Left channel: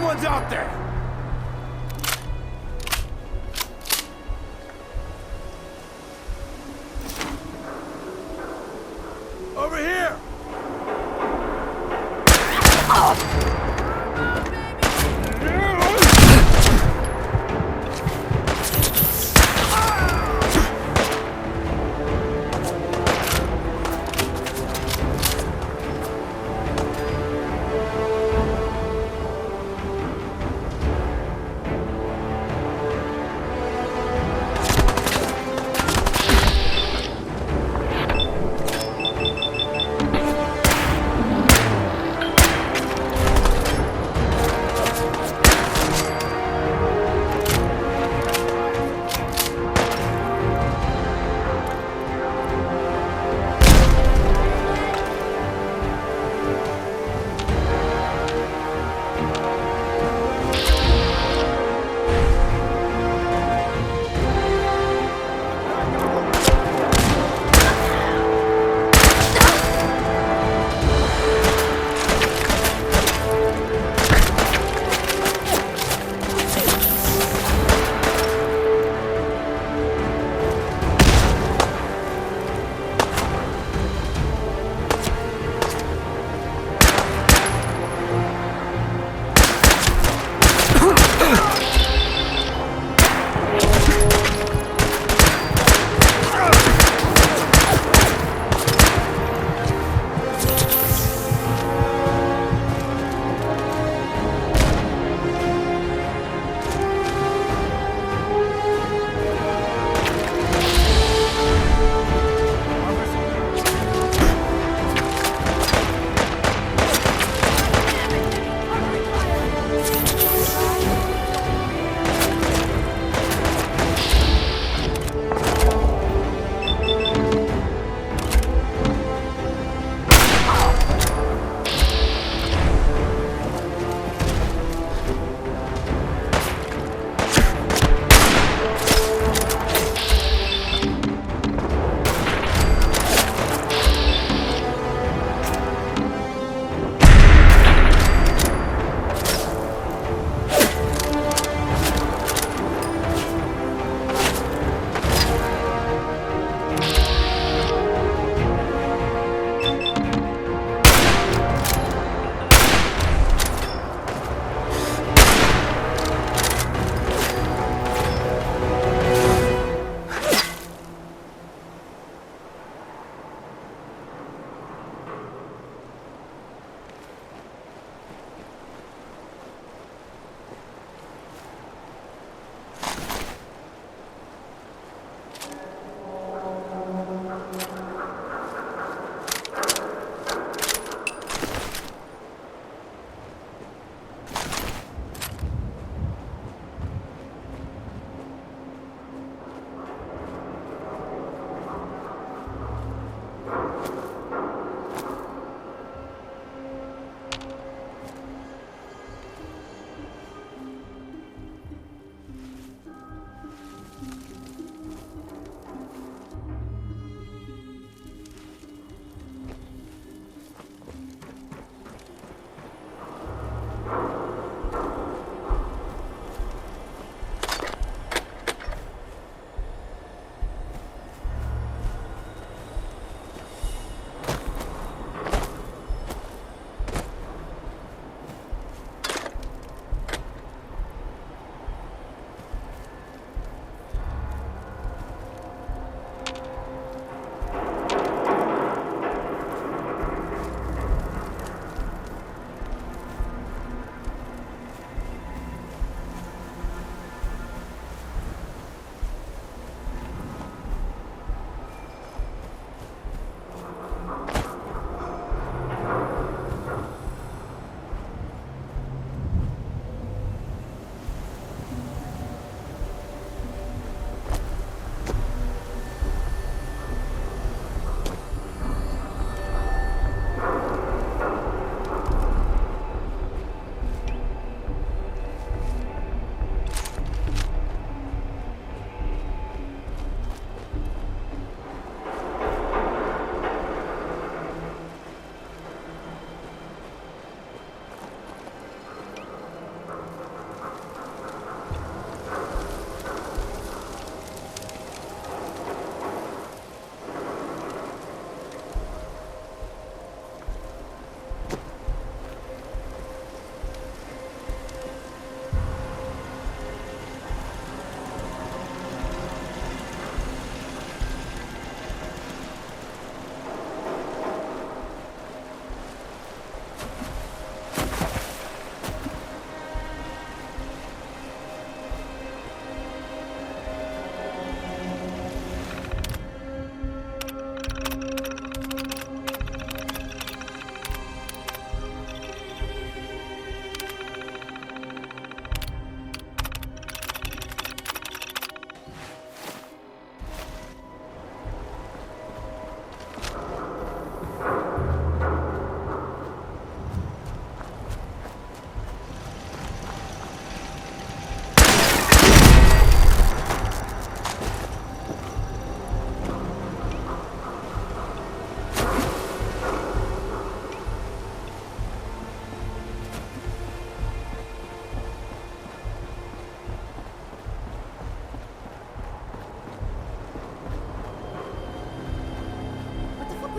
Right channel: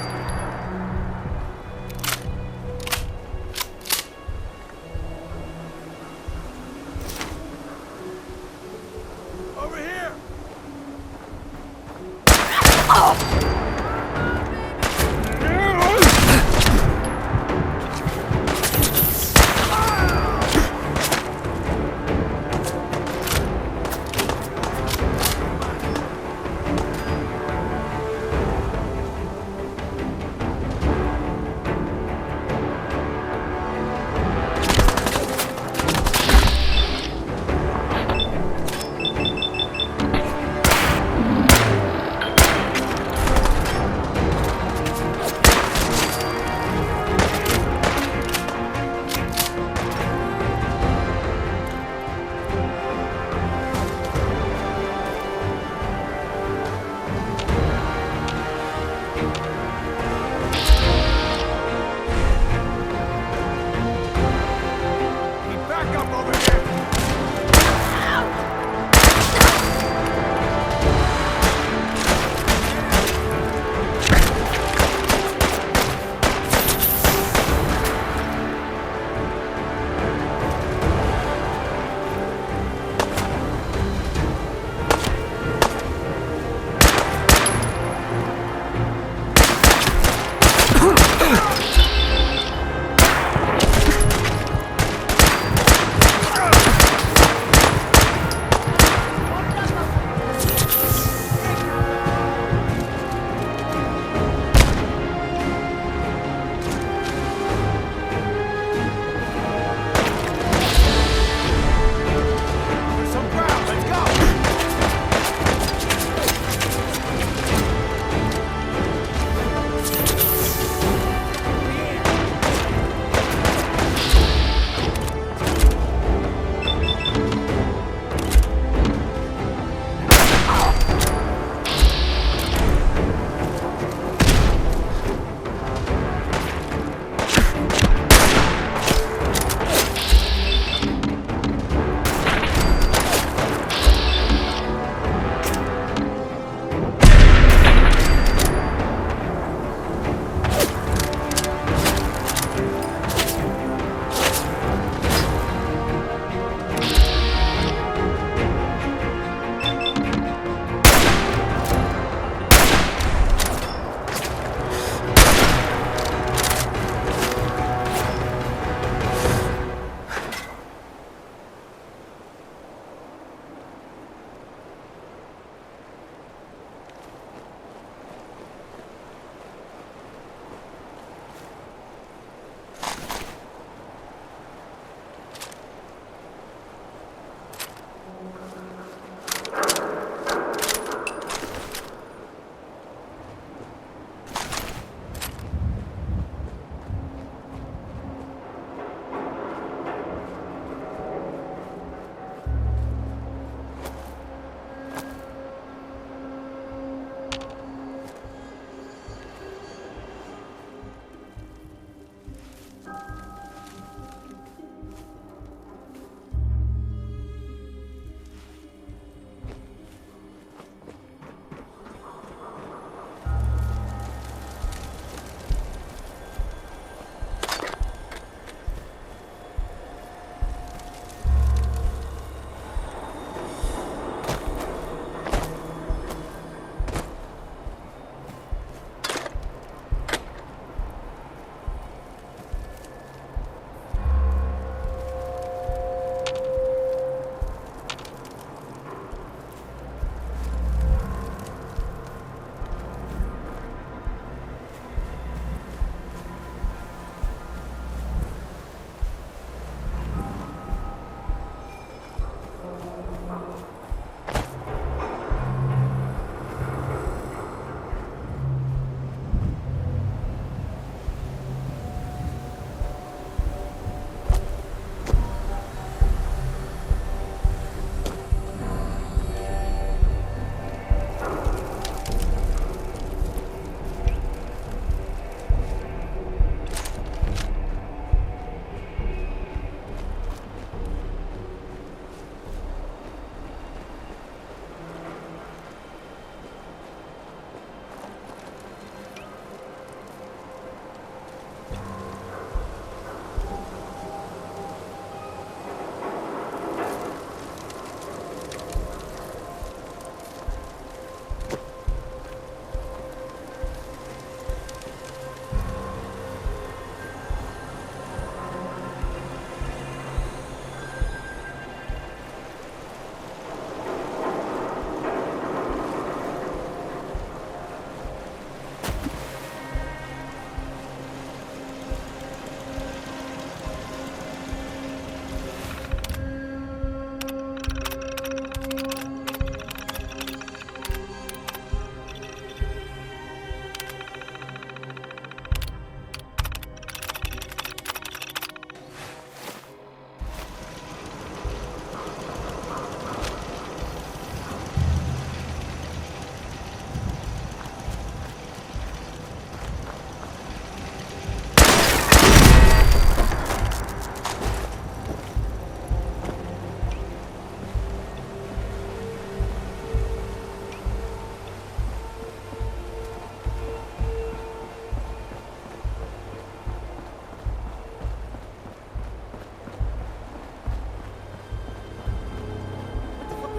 Someone's out there! Over here!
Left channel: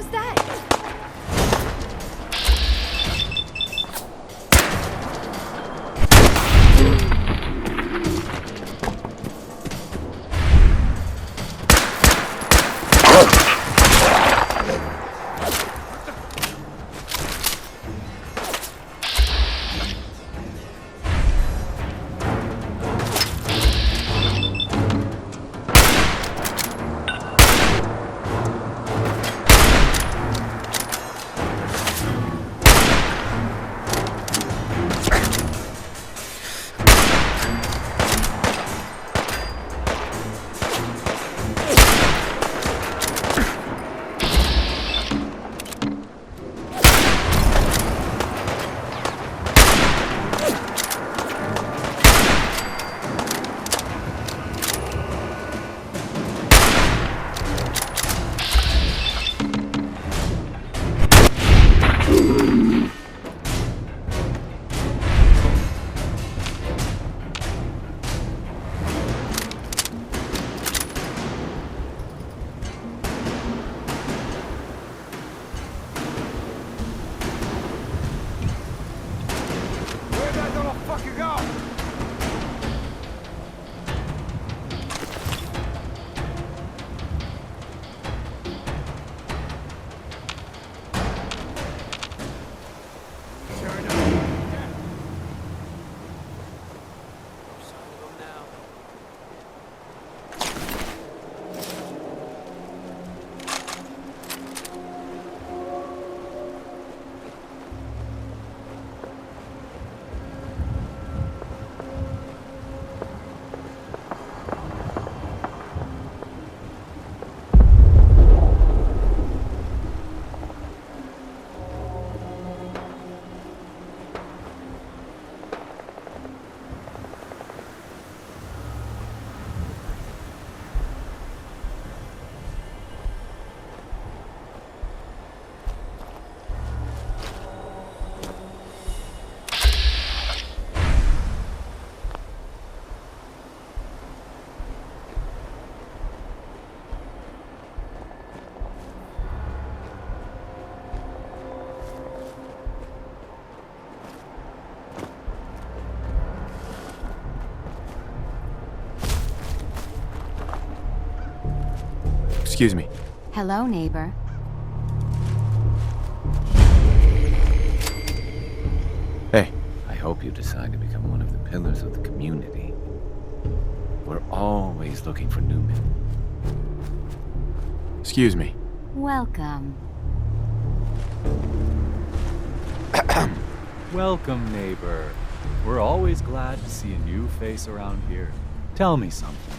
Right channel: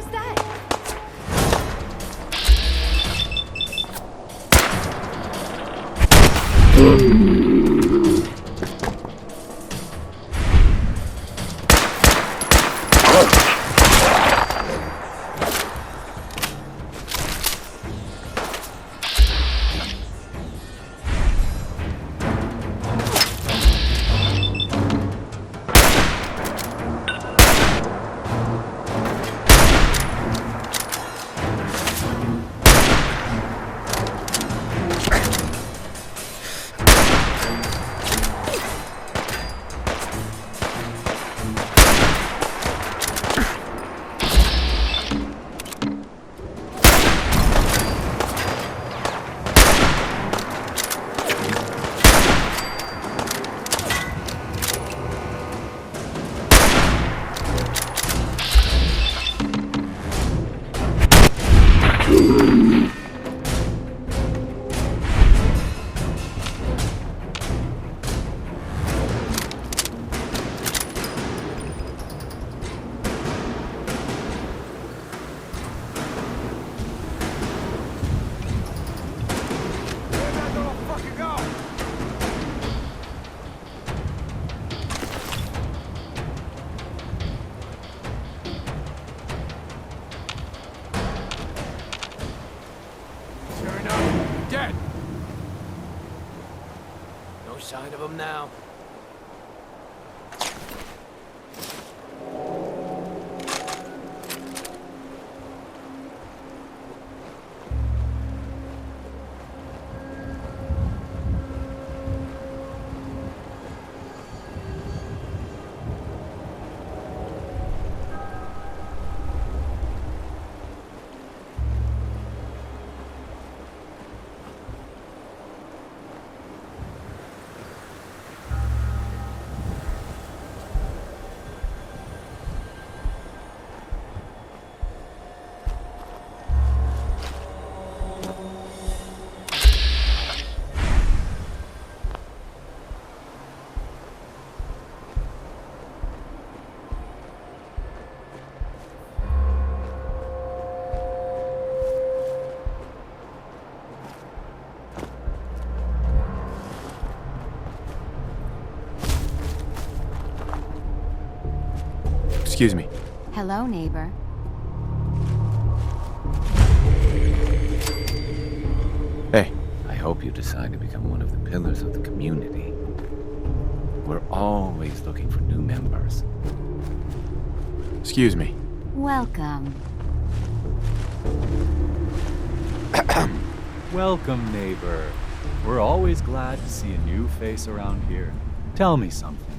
was that? Where'd that little fucker go? Turn up. Dead. No sign of him now. Excuse me. Hello, neighbor. Hey. I hope you decide to become one of the pillars of the community. We're always looking for new members. Excuse me. Welcome. Welcome, neighbor. We're always glad to see a new face around here. Tell me something.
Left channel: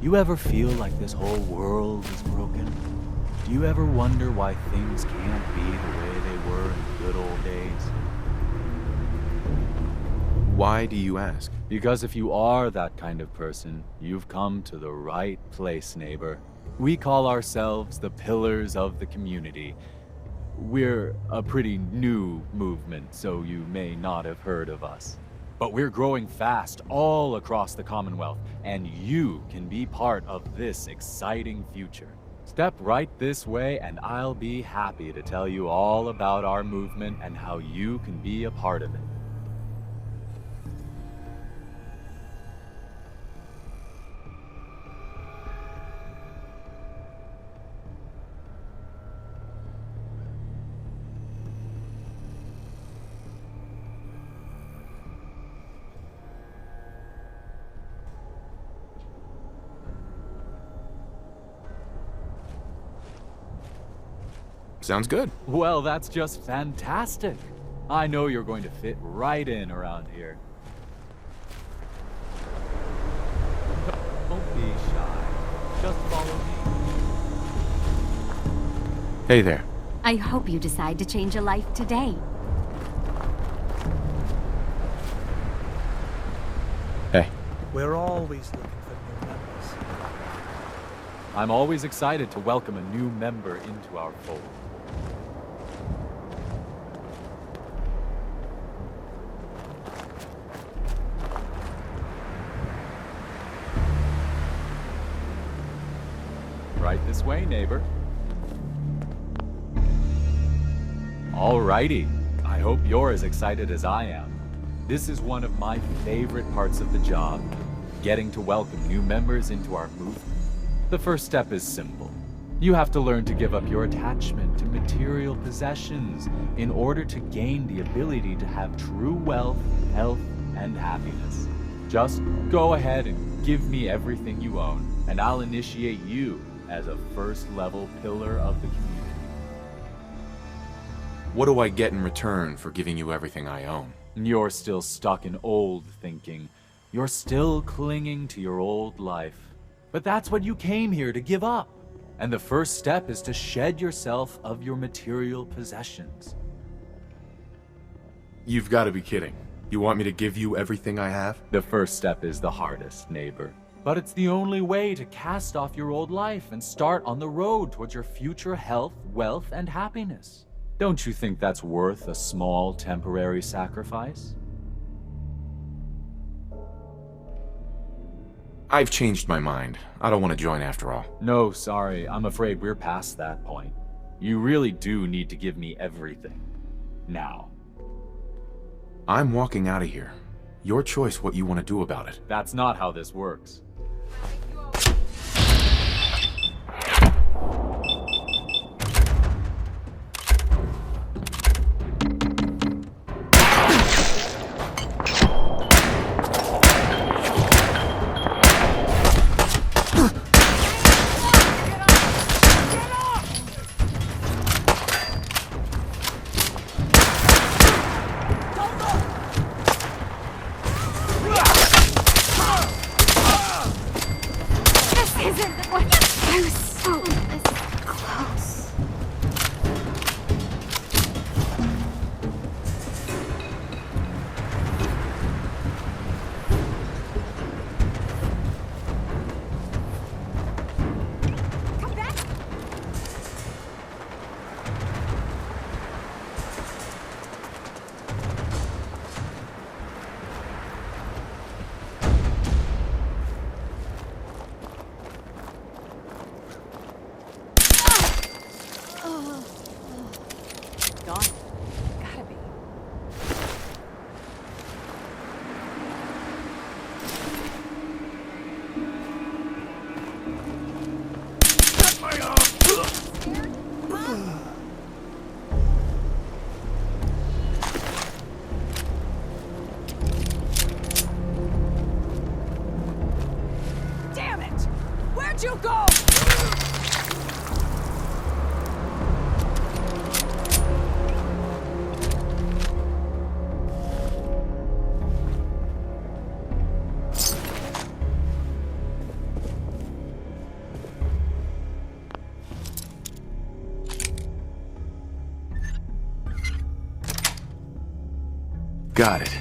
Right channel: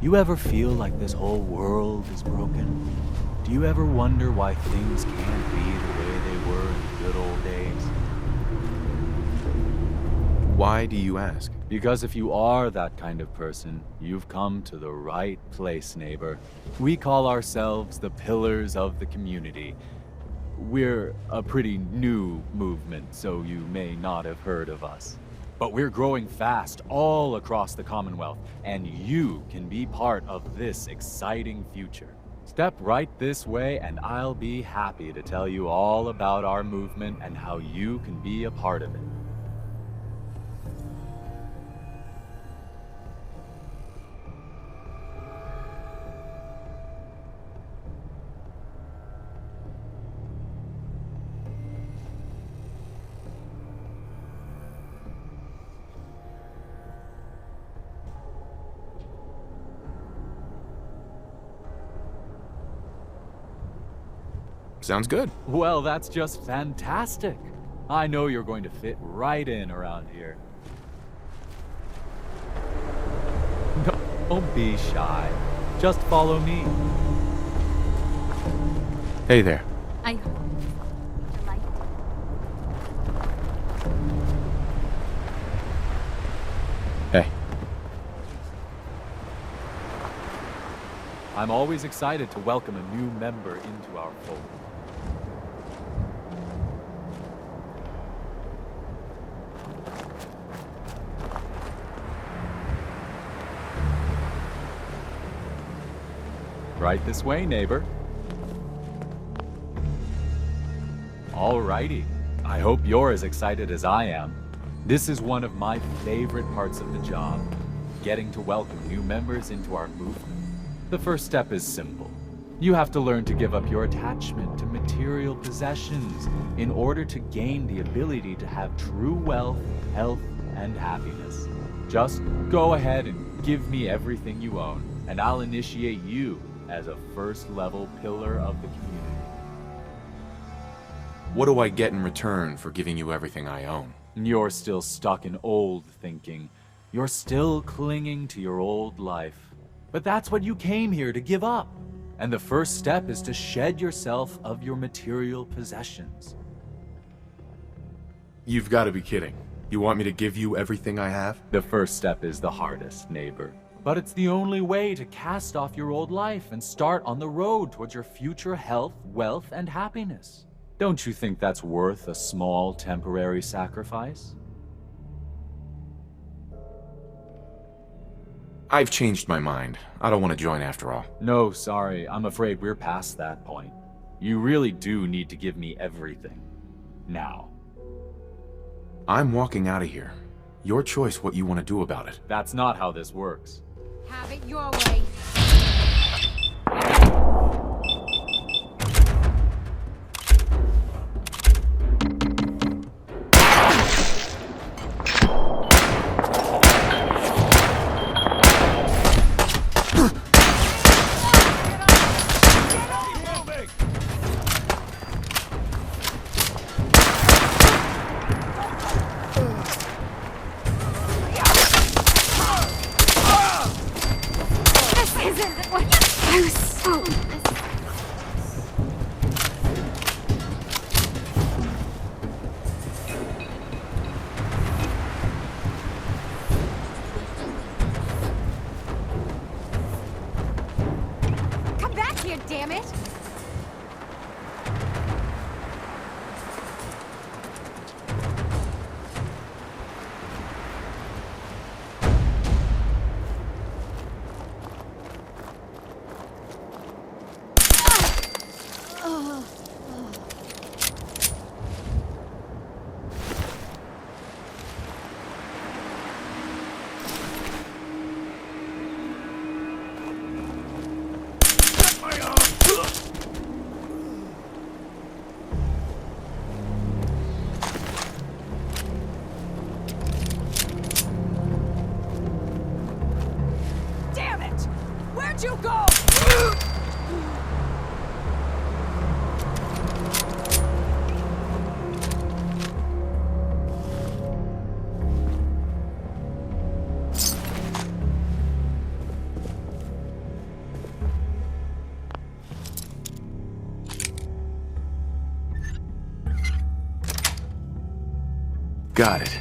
You ever feel like this whole world is broken? Do you ever wonder why things can't be the way they were in the good old days? Why do you ask? Because if you are that kind of person, you've come to the right place, neighbor. We call ourselves the Pillars of the Community. We're a pretty new movement, so you may not have heard of us. But we're growing fast all across the Commonwealth, and you can be part of this exciting future. Step right this way, and I'll be happy to tell you all about our movement and how you can be a part of it. Sounds good. Well, that's just fantastic. I know you're going to fit right in around here. Don't be shy. Just follow me. Hey there. I hope you decide to change a life today. Hey. We're always looking for new members. I'm always excited to welcome a new member into our fold. Right this way, neighbor. Alrighty. I hope you're as excited as I am. This is one of my favorite parts of the job, getting to welcome new members into our movement. The first step is simple. You have to learn to give up your attachment to material possessions in order to gain the ability to have true wealth, health, and happiness. Just go ahead and give me everything you own, and I'll initiate you as a first-level pillar of the community. What do I get in return for giving you everything I own? You're still stuck in old thinking. You're still clinging to your old life. But that's what you came here to give up. And the first step is to shed yourself of your material possessions. You've got to be kidding. You want me to give you everything I have? The first step is the hardest, neighbor. But it's the only way to cast off your old life and start on the road towards your future health, wealth, and happiness. Don't you think that's worth a small temporary sacrifice? I've changed my mind. I don't want to join after all. No, sorry. I'm afraid we're past that point. You really do need to give me everything. Now. I'm walking out of here. Your choice what you want to do about it. That's not how this works. Have it your way. I was so this close. Come back here, damn it! Damn it! Where'd you go? Got it.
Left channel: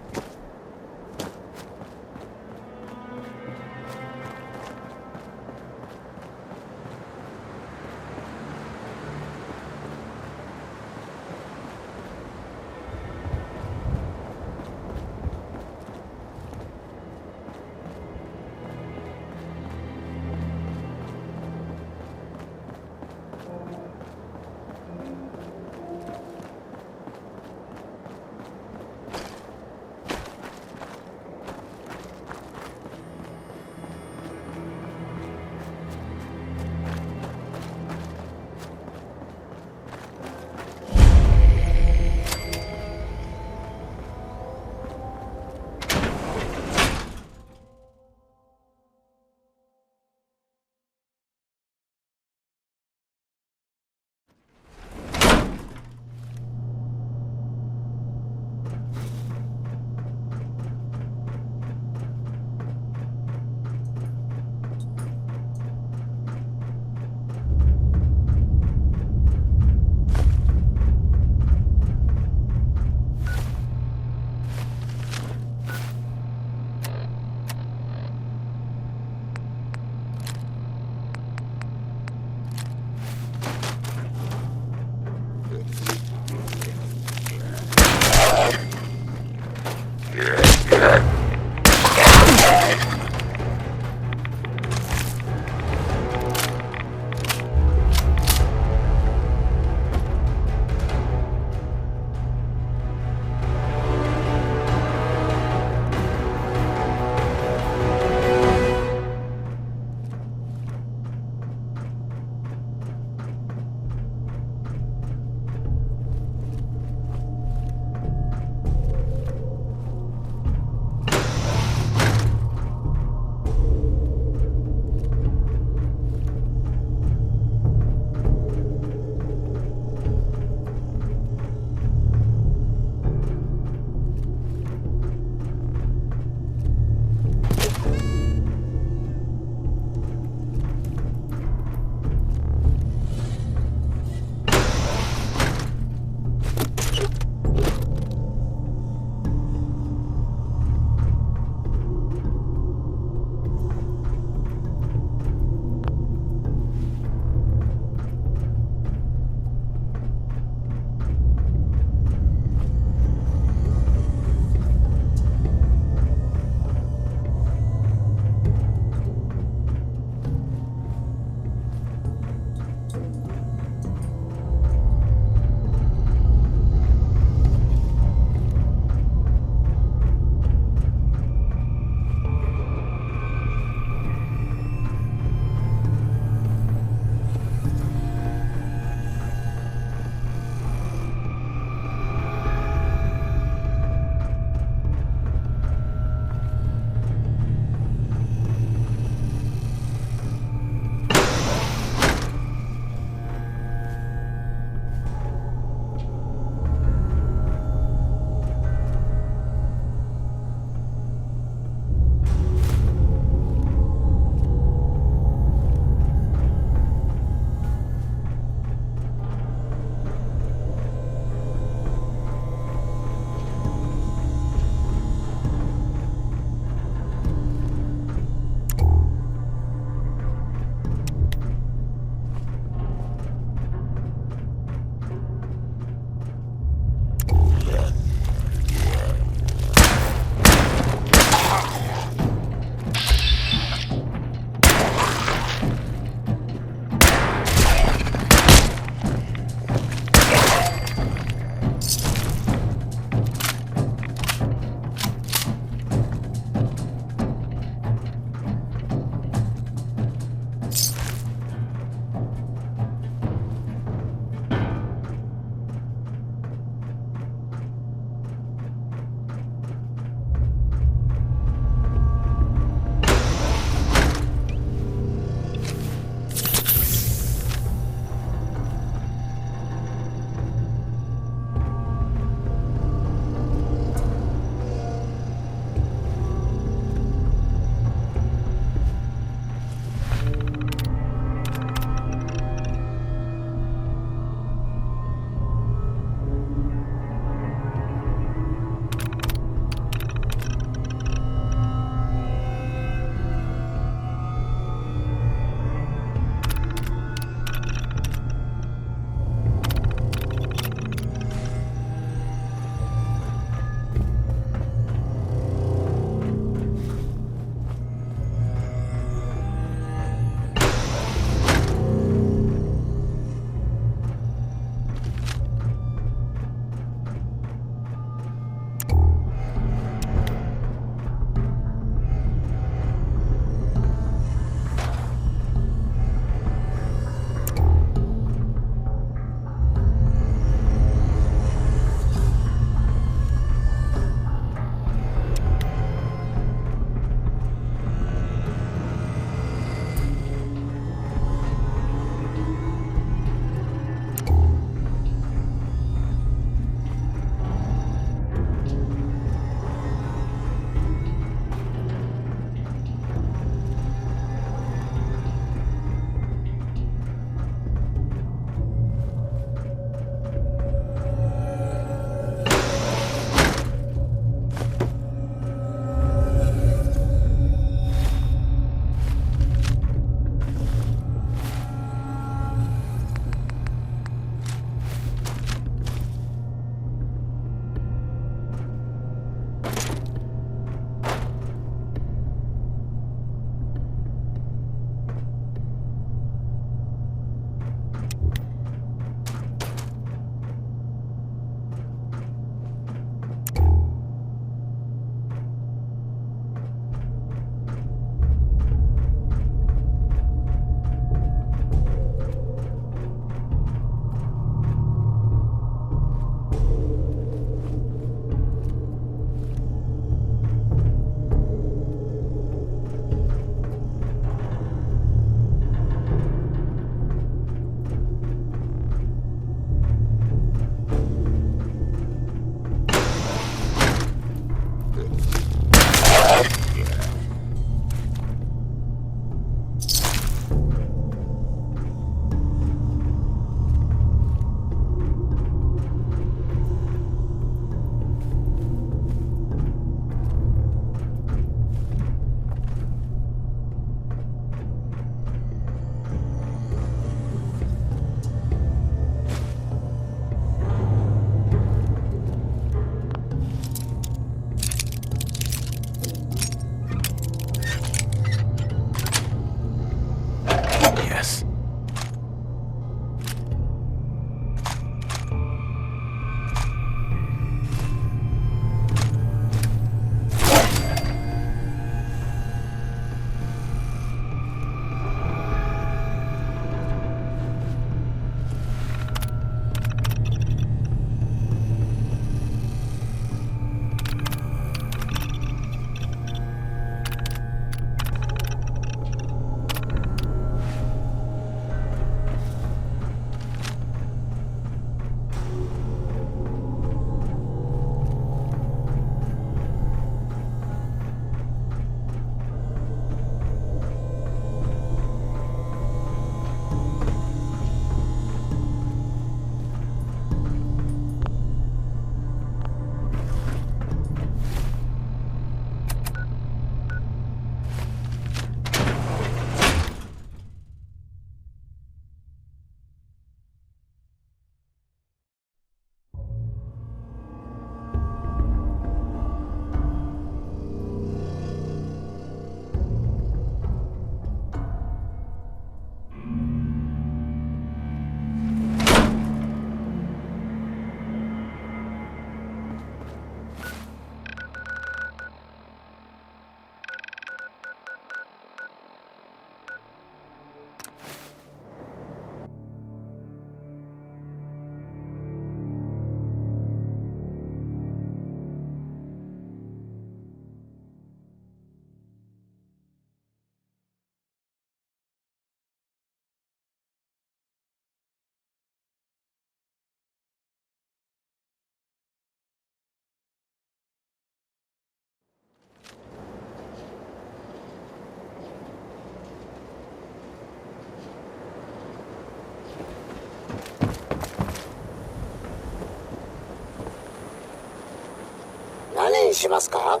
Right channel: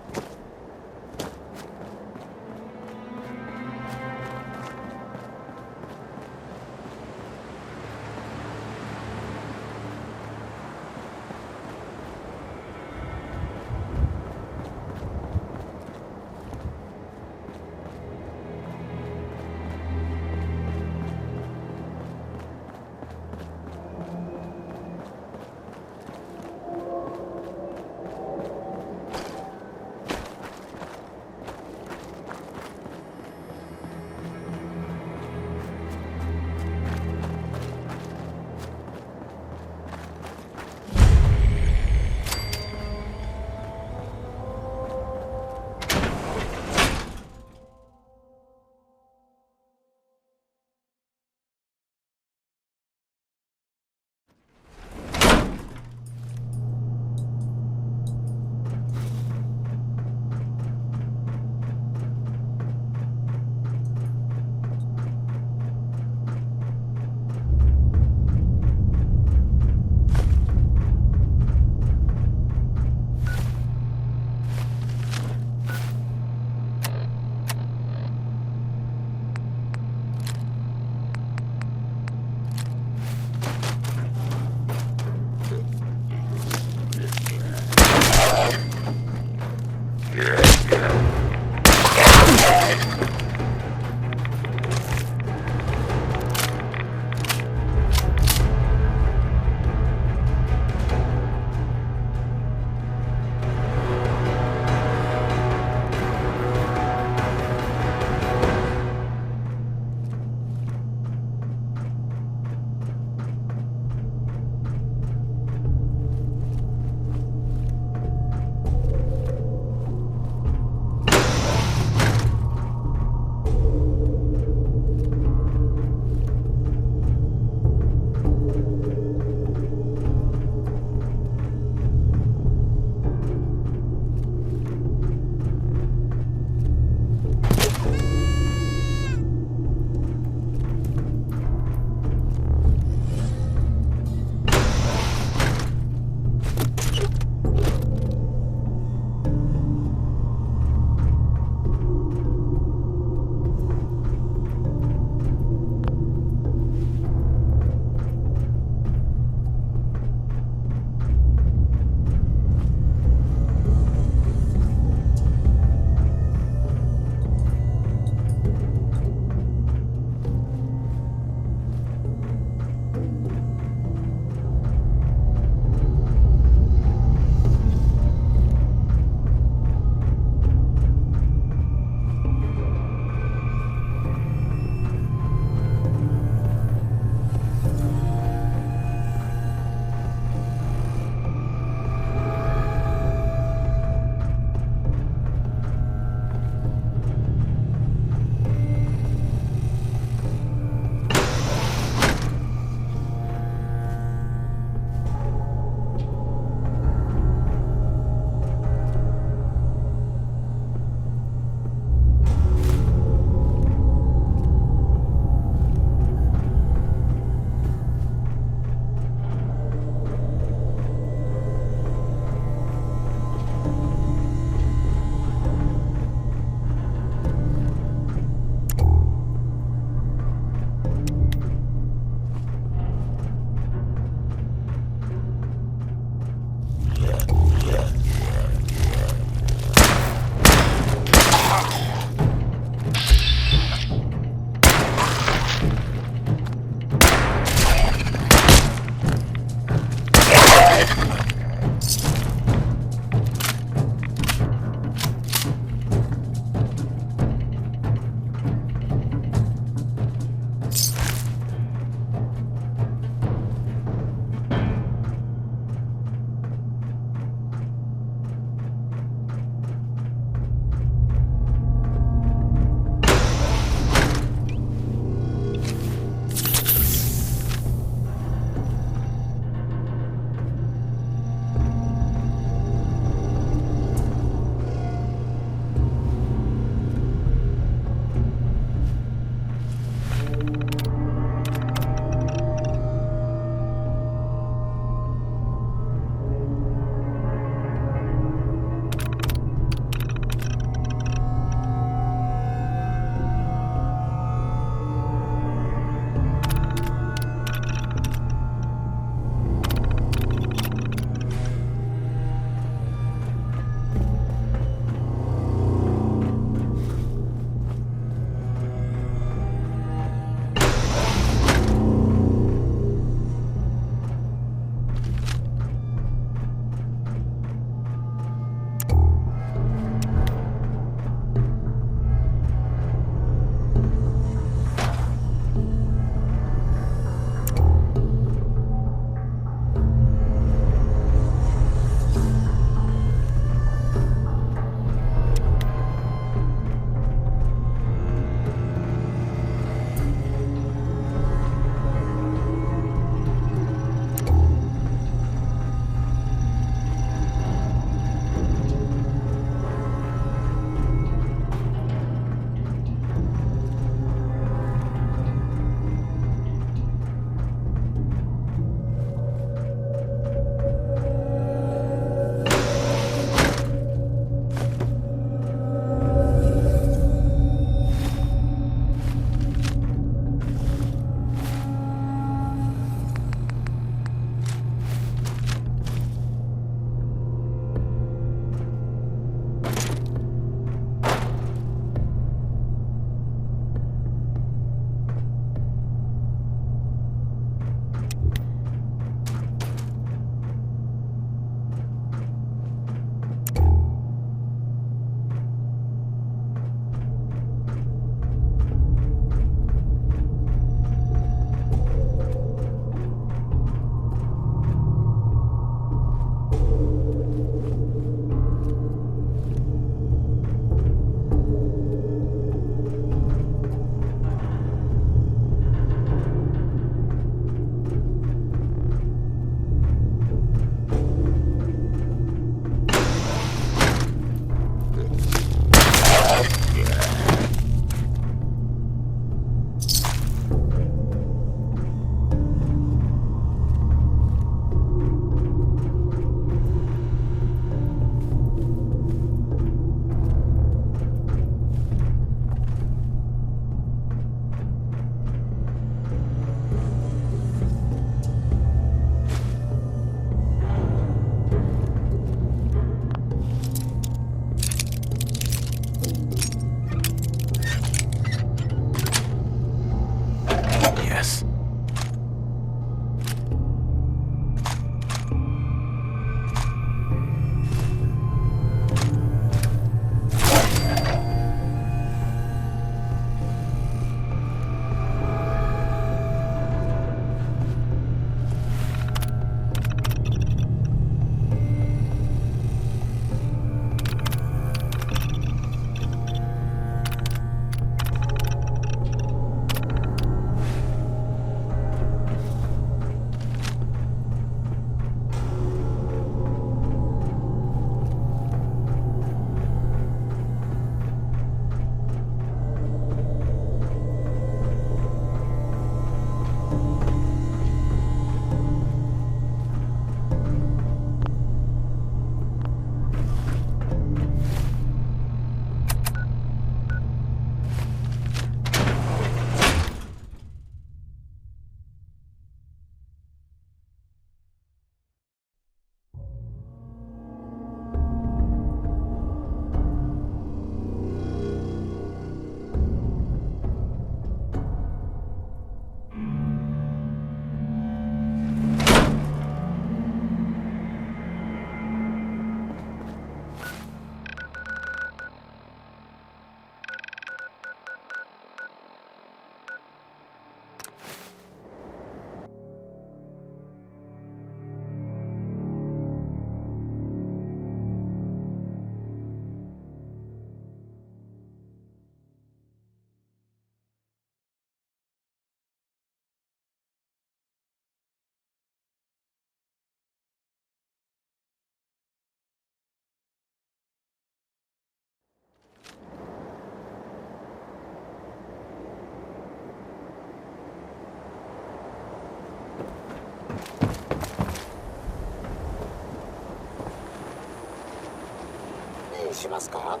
援しますか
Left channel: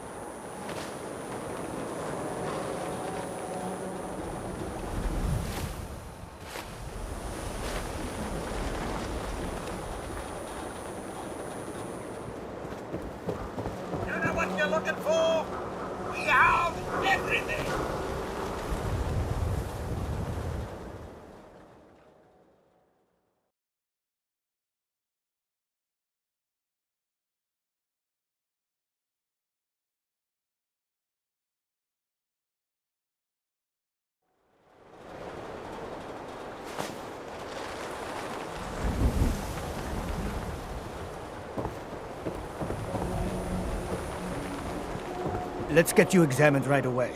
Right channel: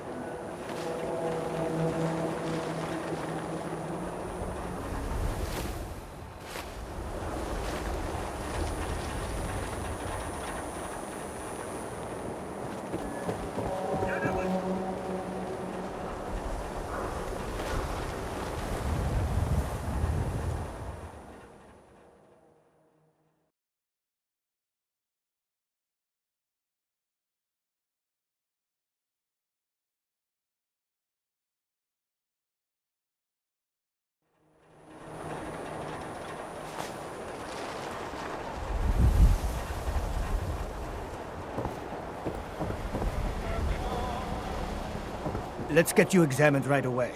？Let's get you examined right away.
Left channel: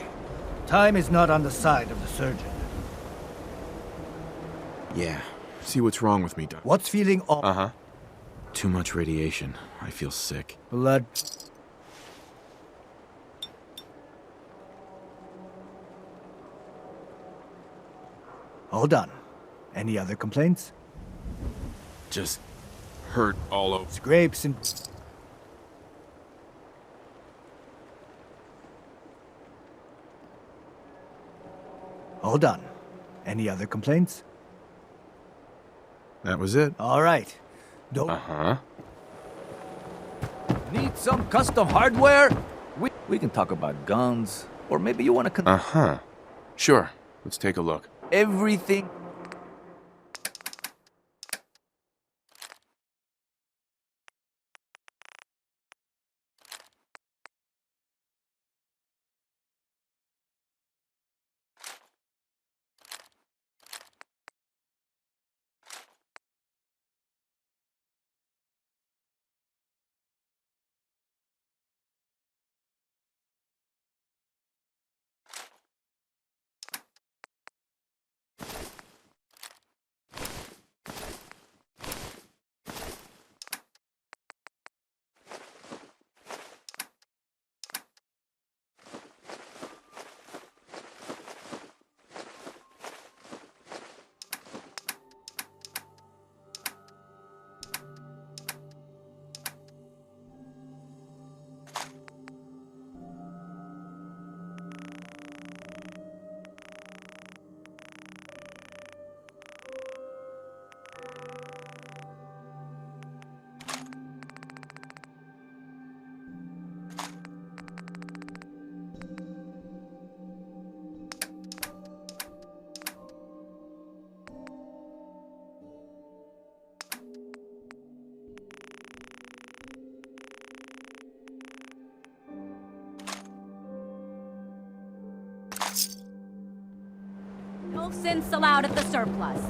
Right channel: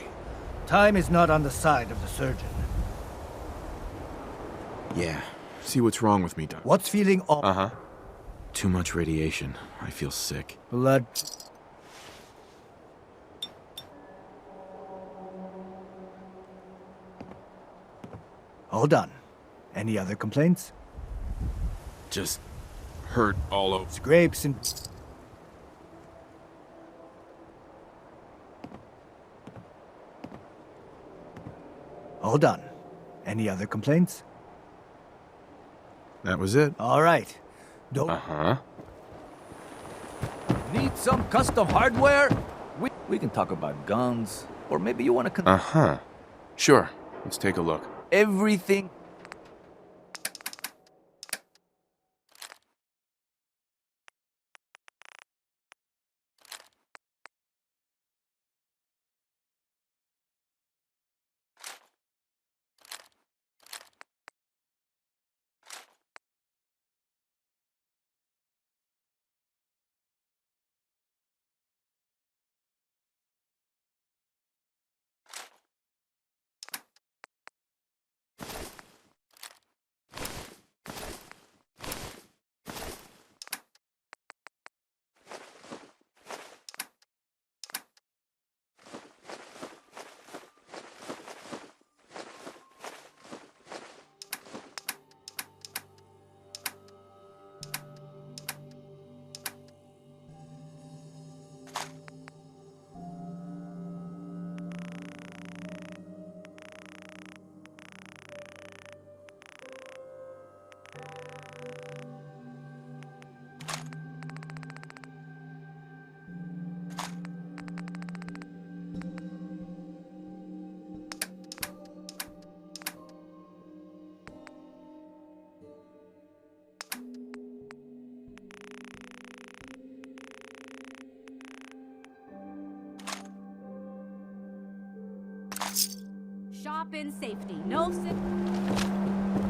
Time is not on the side of the surgeon. Yeah. See what's wrong with me, Doc. What's feeling off? Uh-huh. Too much radiation. I feel sick. Blood. All done. Any other complaints? Just hurt all over. Scrapes and... All done. Any other complaints? That was it. All right. Don't... Uh-huh. Need some custom hardware? We can talk about guns, or maybe you want to Uh-huh. Sure. Let's take a look. everything. Shop in safety. No synths allowed at the surplus.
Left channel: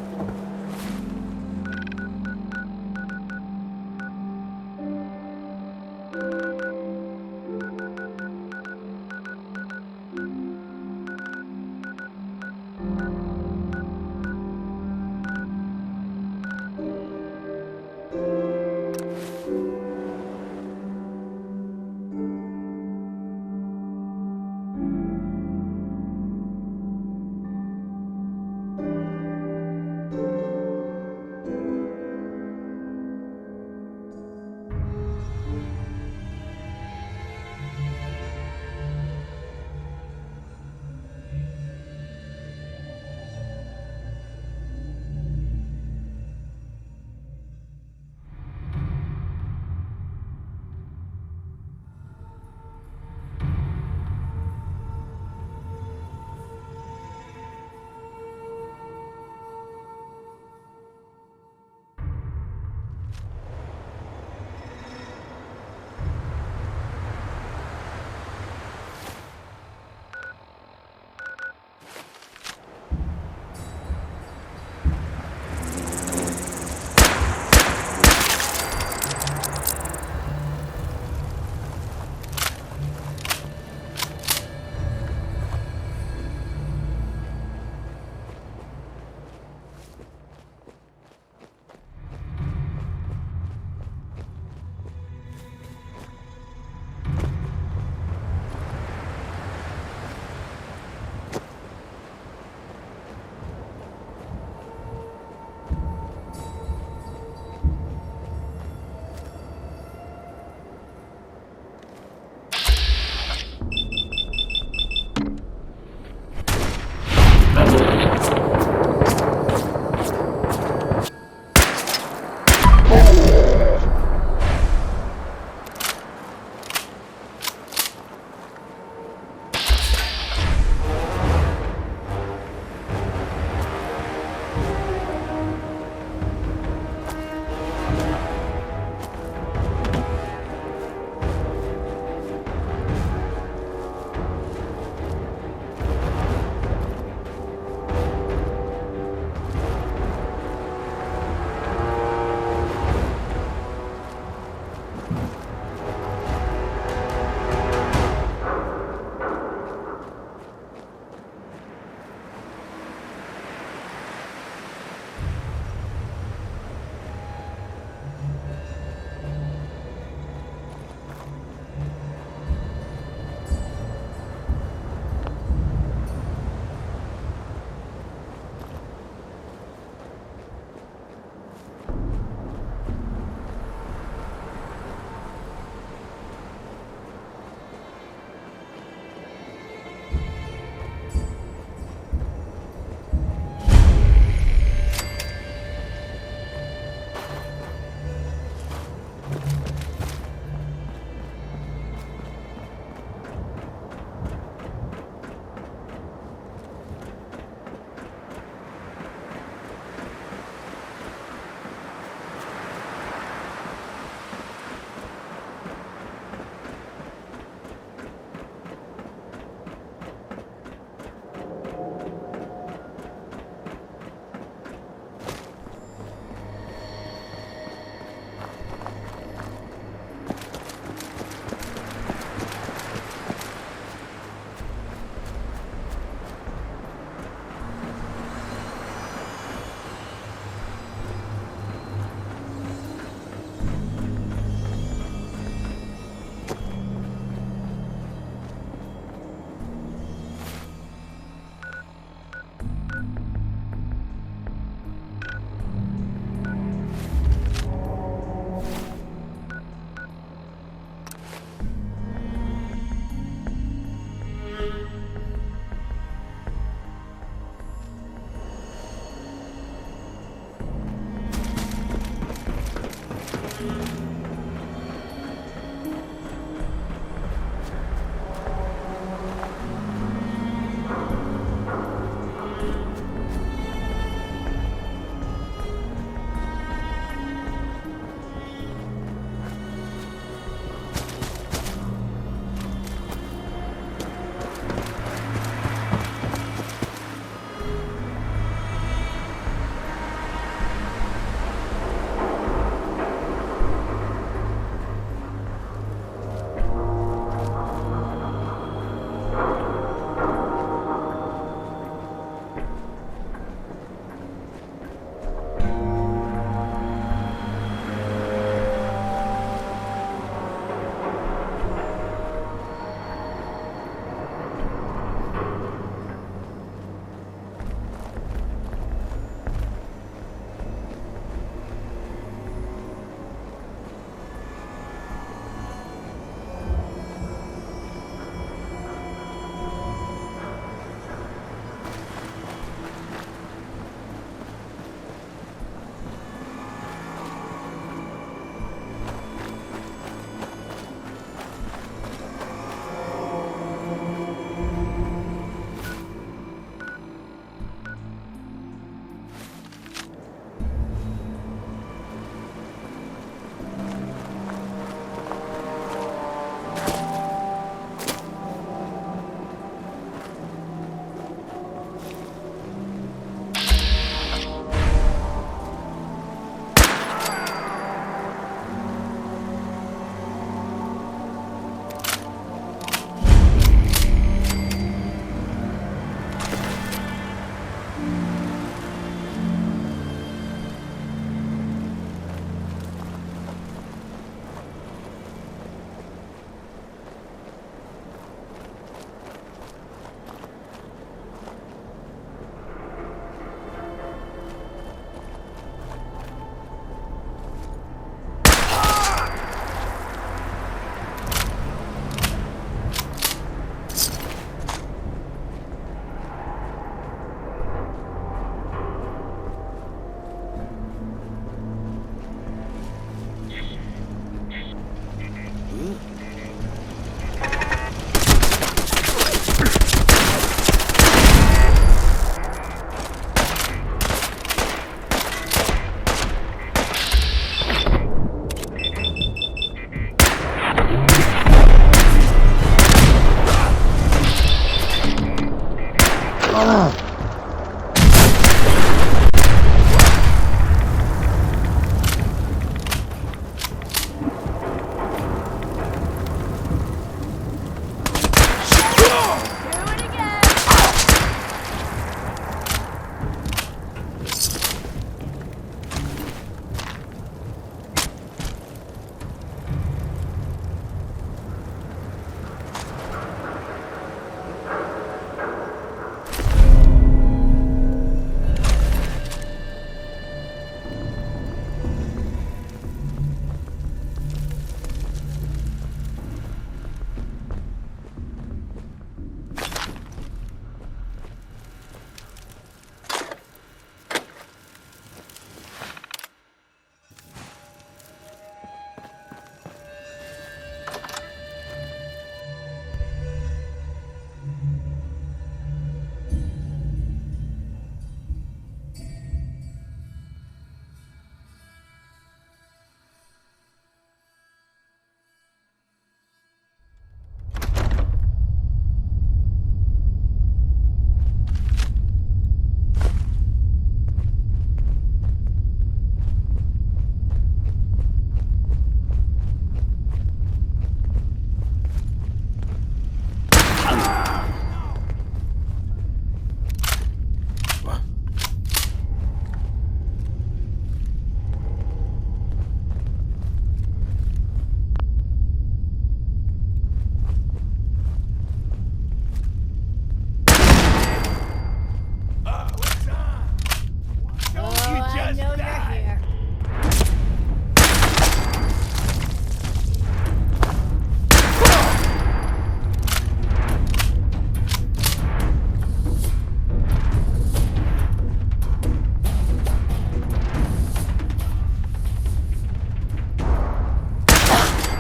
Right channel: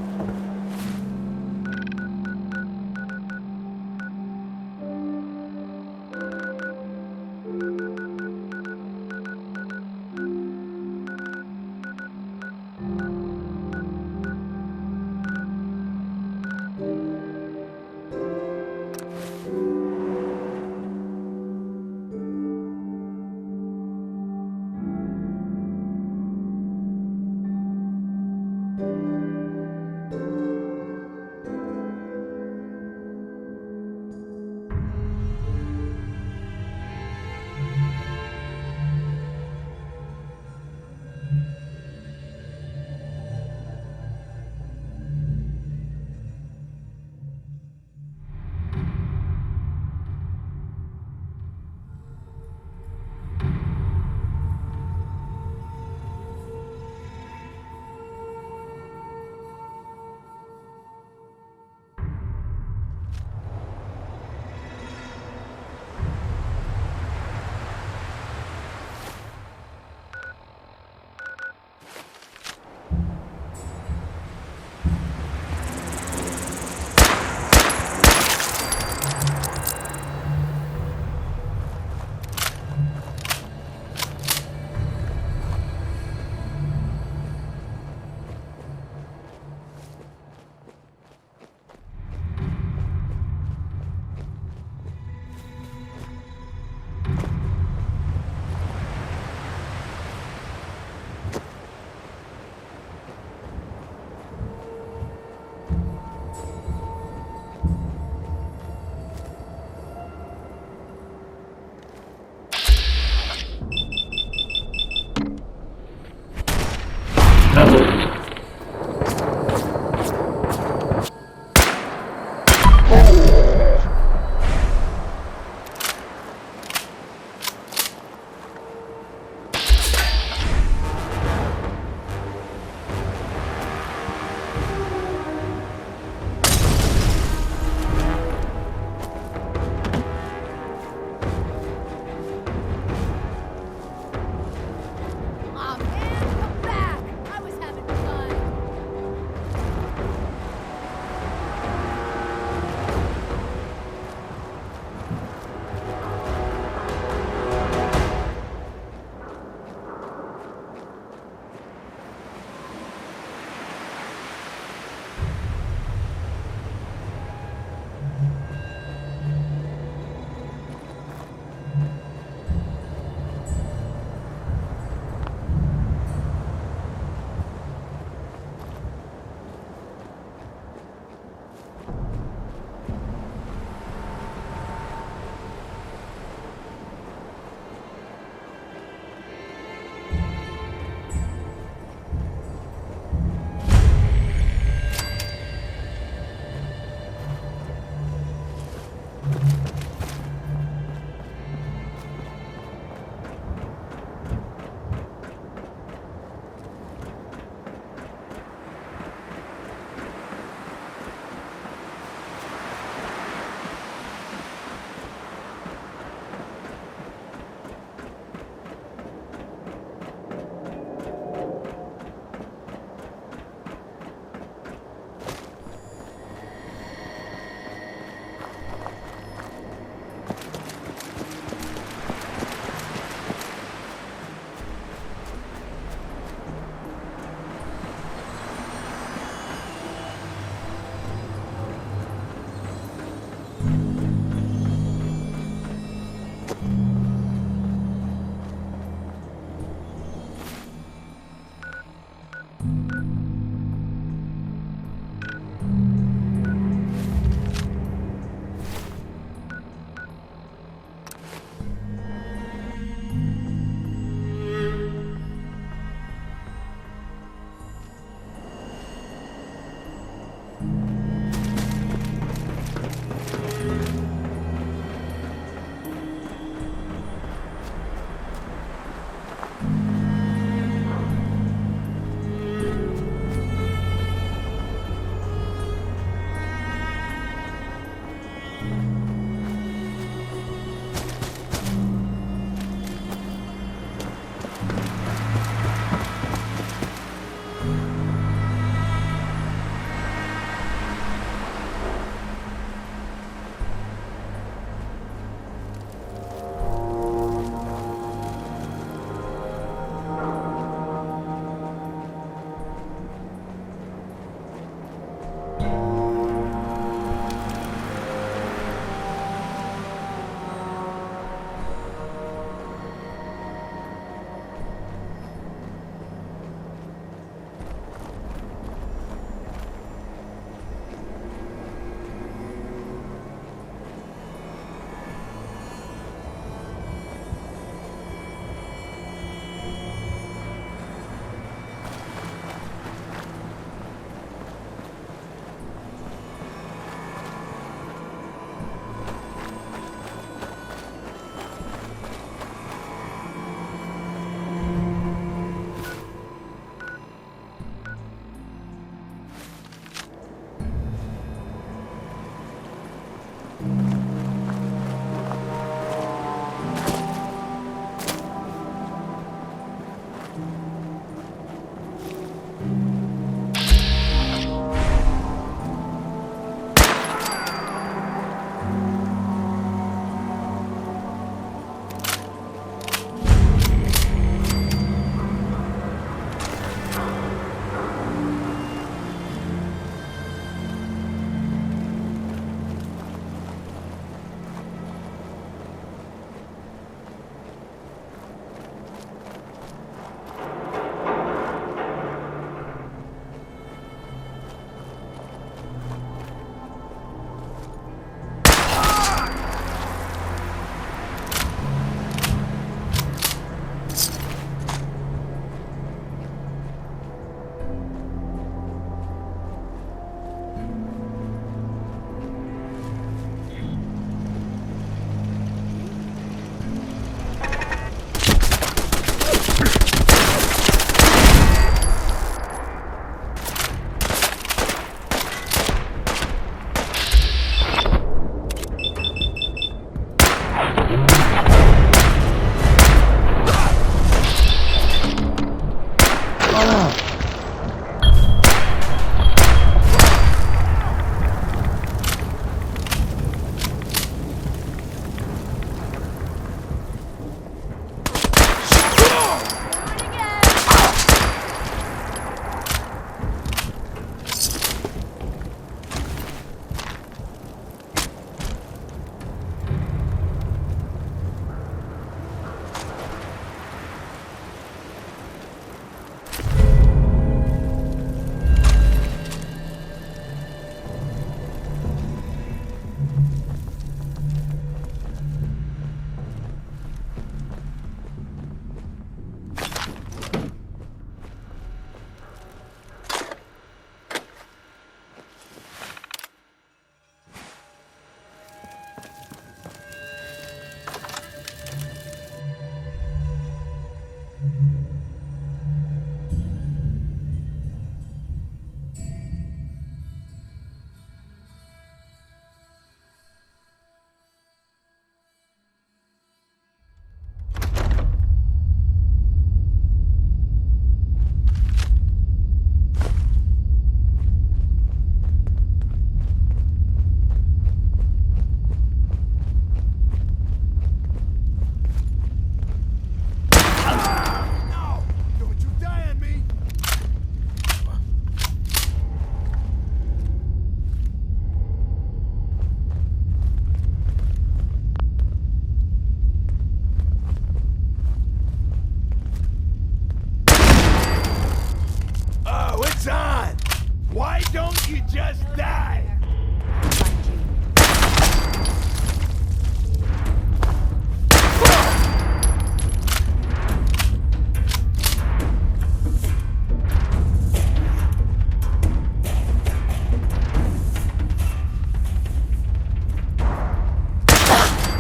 Just die!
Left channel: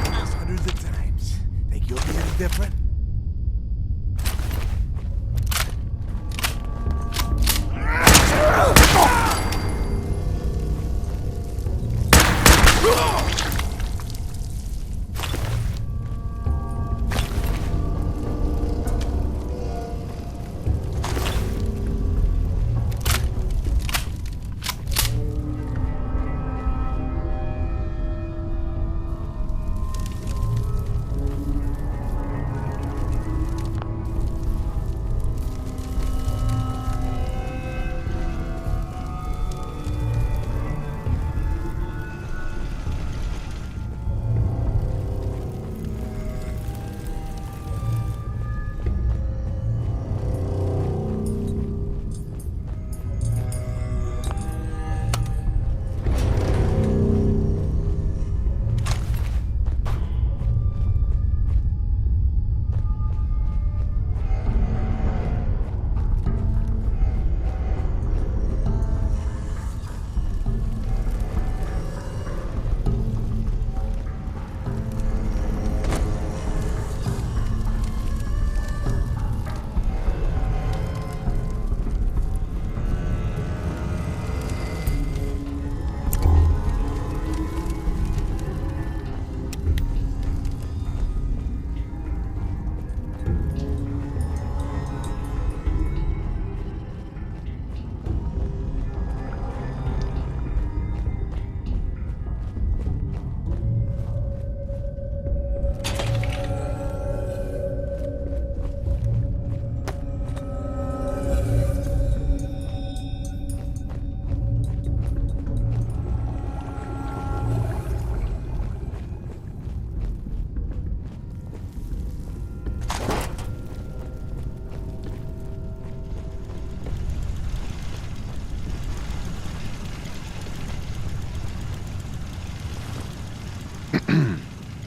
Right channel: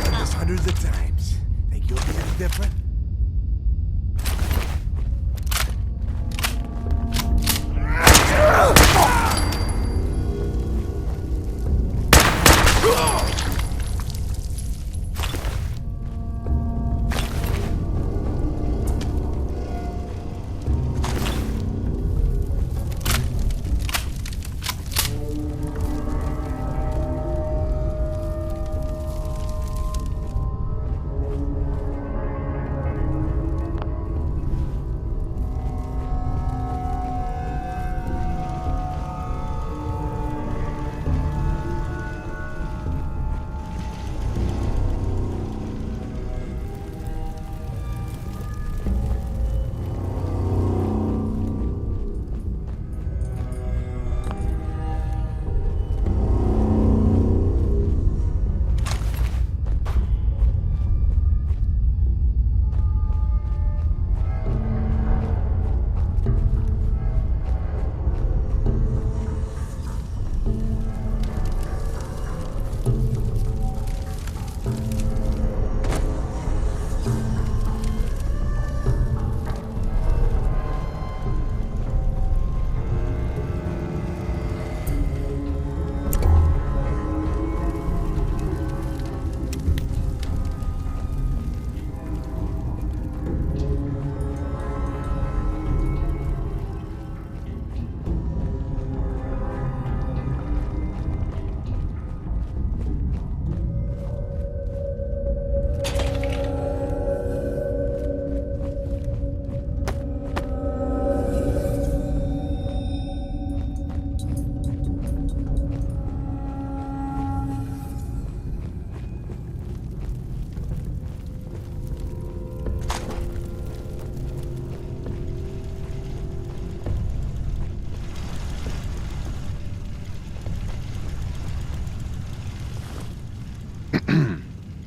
This hundreds of times. Think you'll be any different?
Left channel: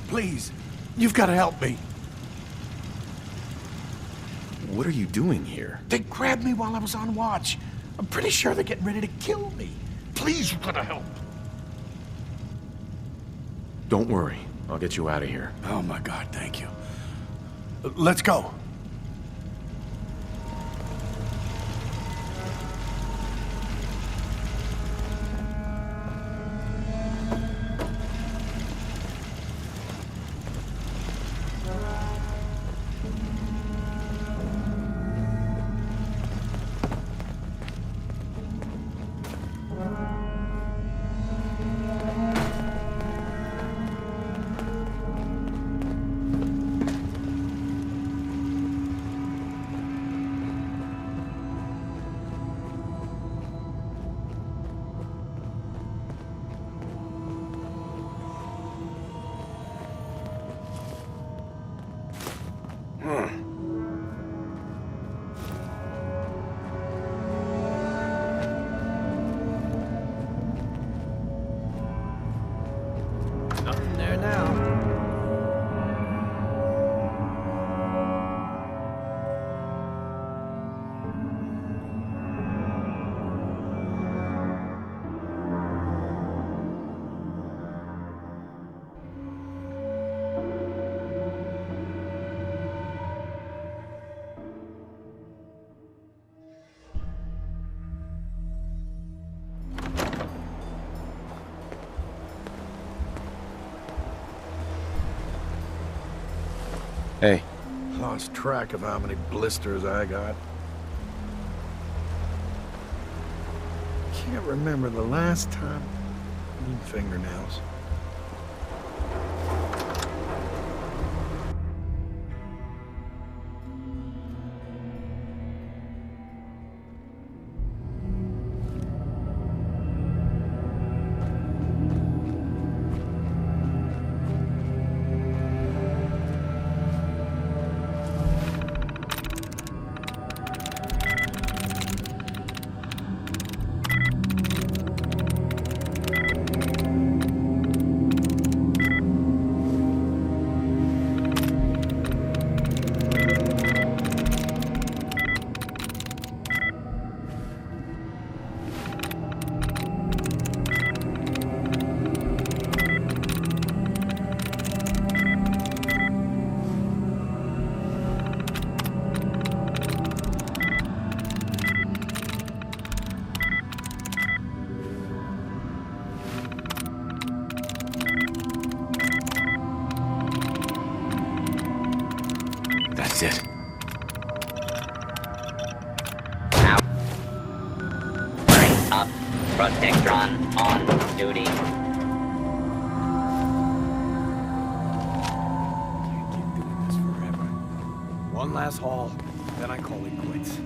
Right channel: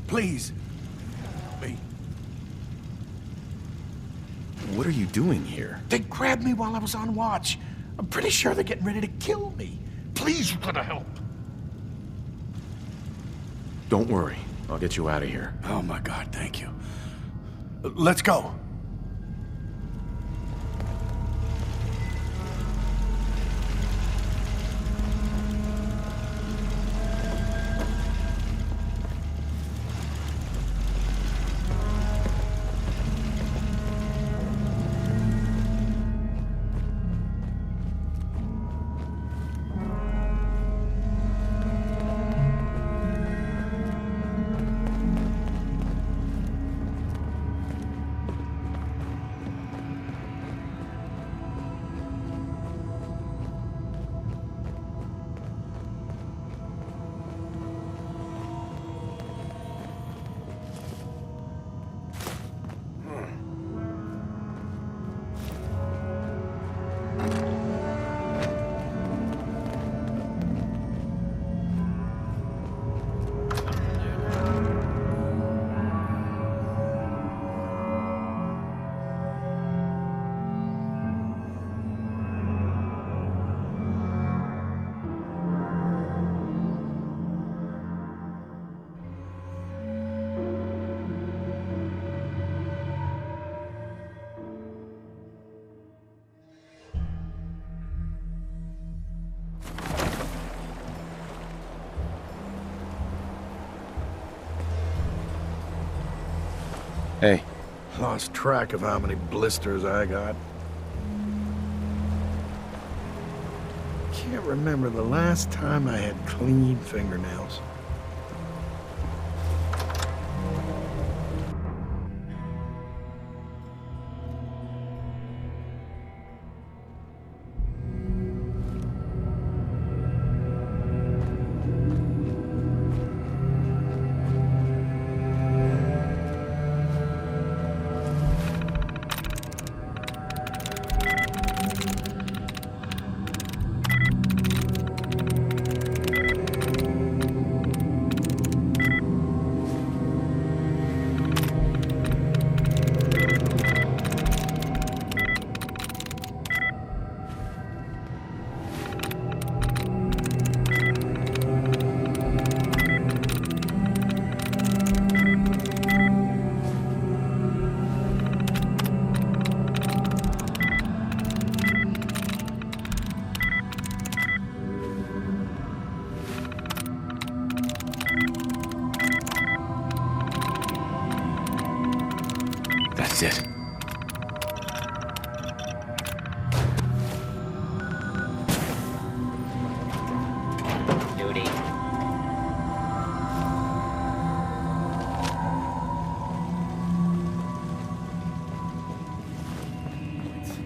Please, you've got to help me. What are you doing here? They grabbed me while I was on watch. I'm pretty sure they're getting ready to kill me. Please, you've got to help. Don't worry. I'll get you out of here. Oh my God, thank you. Let's go. Nothing there now. Hey, Lost track of how many blisters I got. Can't remember the last time I had clean fingernails. That's it. Out. Right up. Protectron on duty. One last haul, then I call it quits.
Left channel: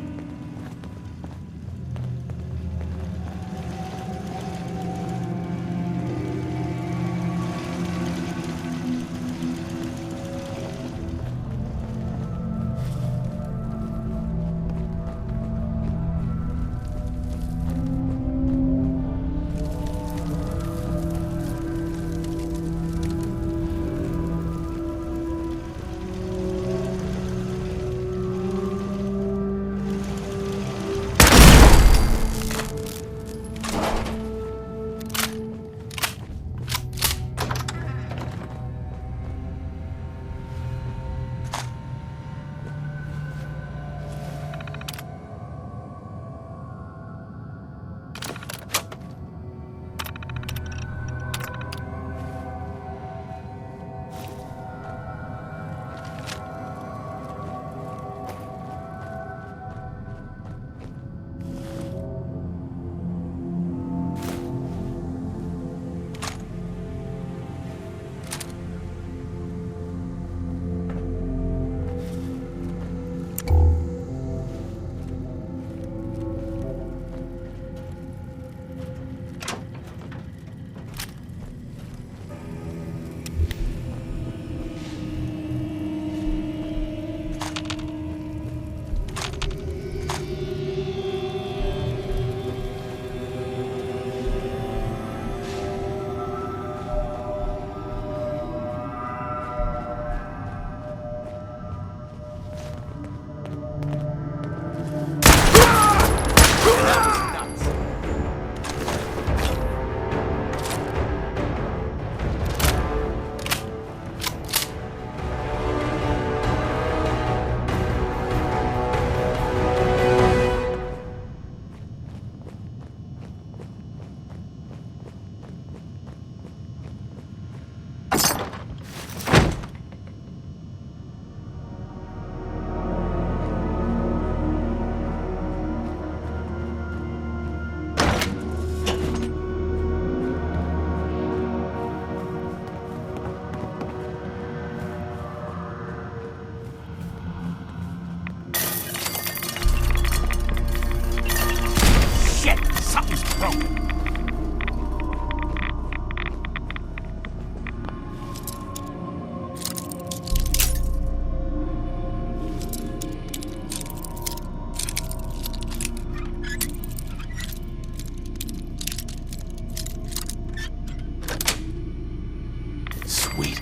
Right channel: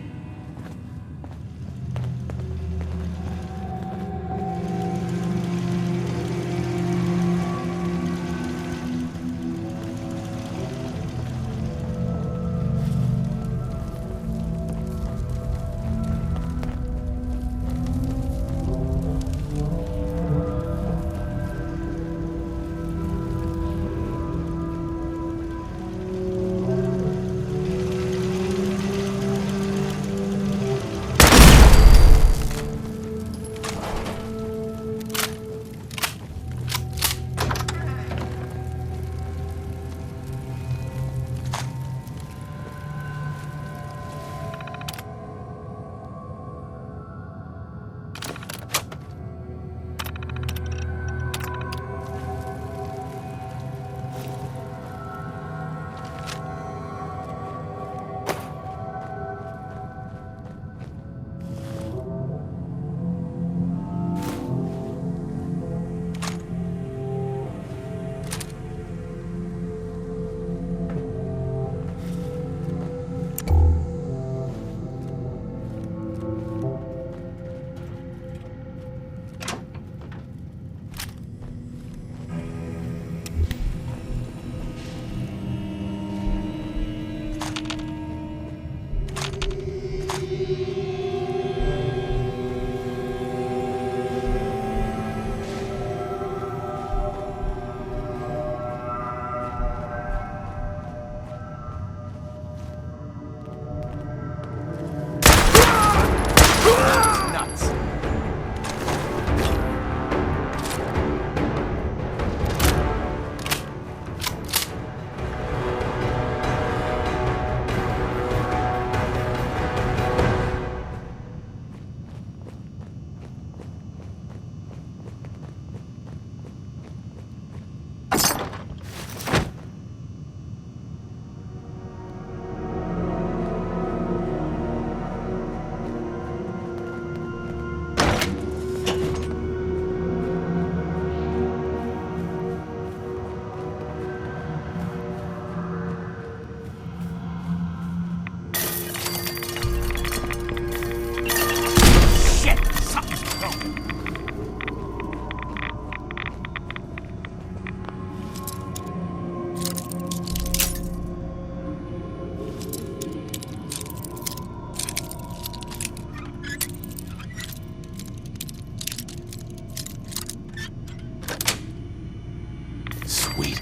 Sweet.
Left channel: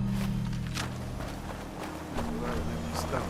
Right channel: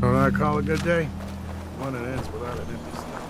What I call a good day? One that ends without an empty stomach.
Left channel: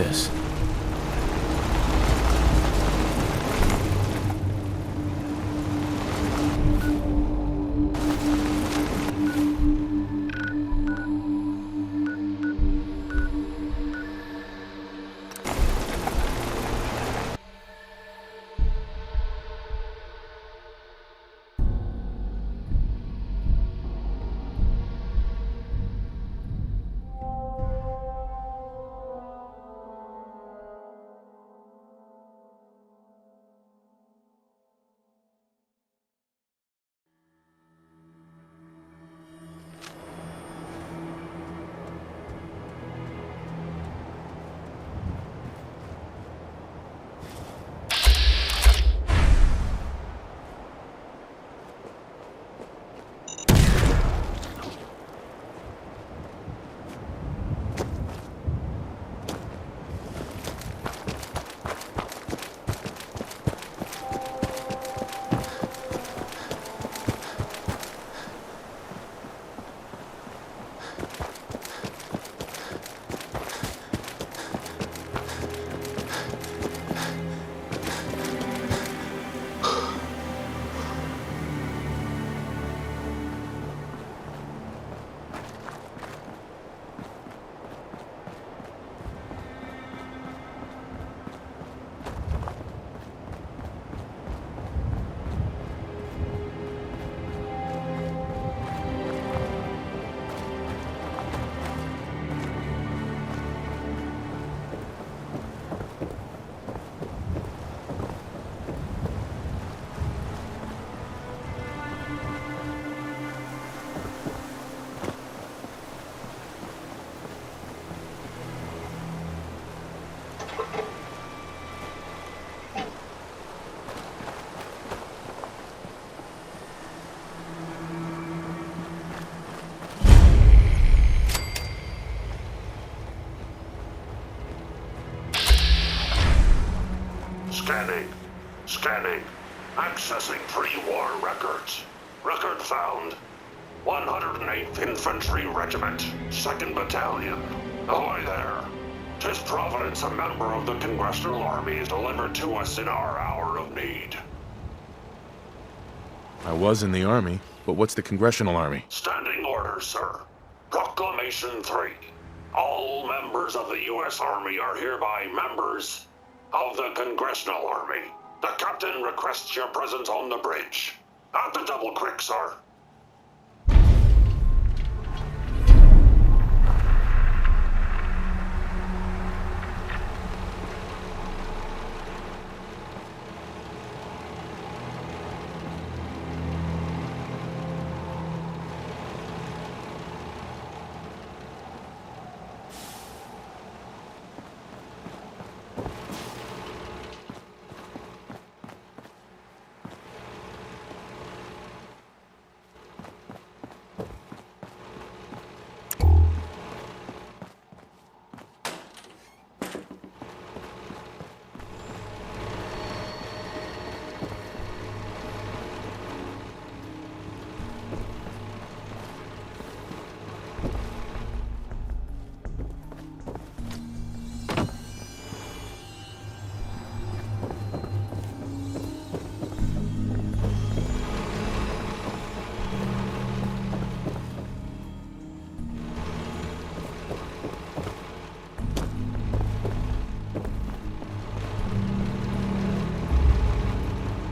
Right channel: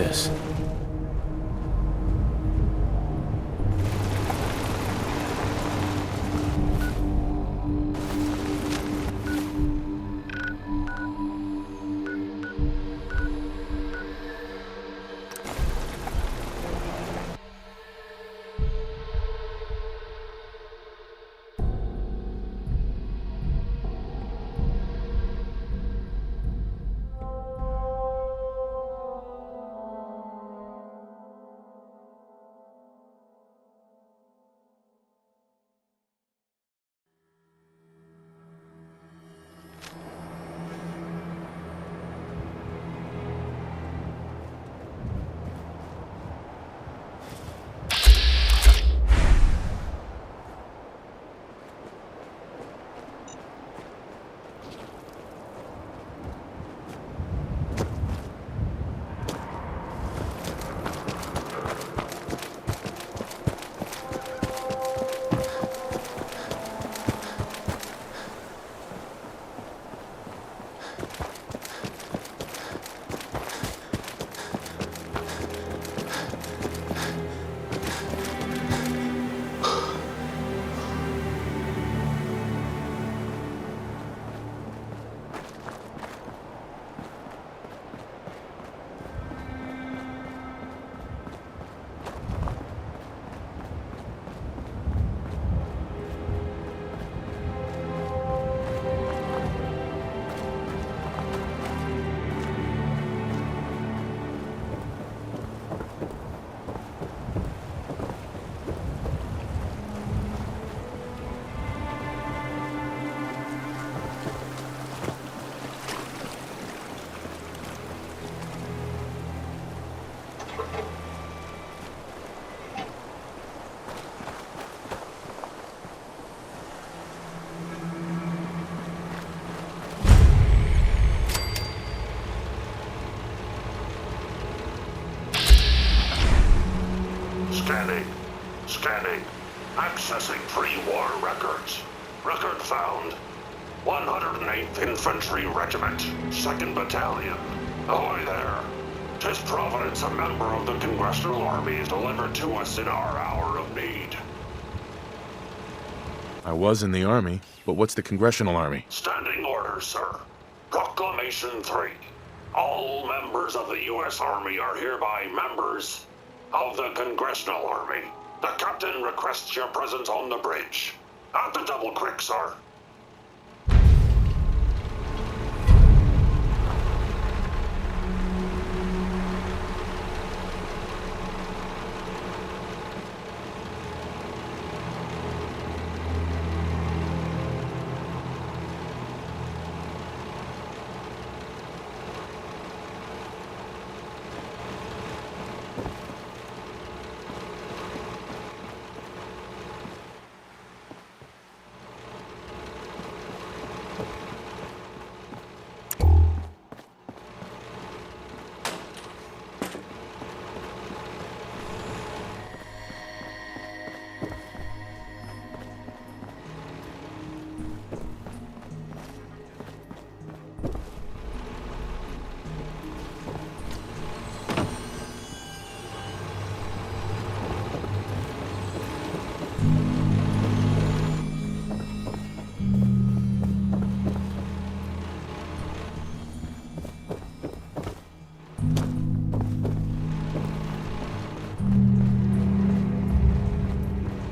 this? Scanning. Accessing pre-war records. Record found. 108th Infantry Regiment, 2nd Battalion. Ahoy there. 'Tis Providence, a member of the Congressional Army, is delivered to us in our hour of need. I was in the Army, but what's the Congressional Army? Standing orders, sir. Proclamation 3. All members of the U.S. Army are hereby members of the Congressional Army. The captain requests your presence on the bridge. At the Double Creek, sir.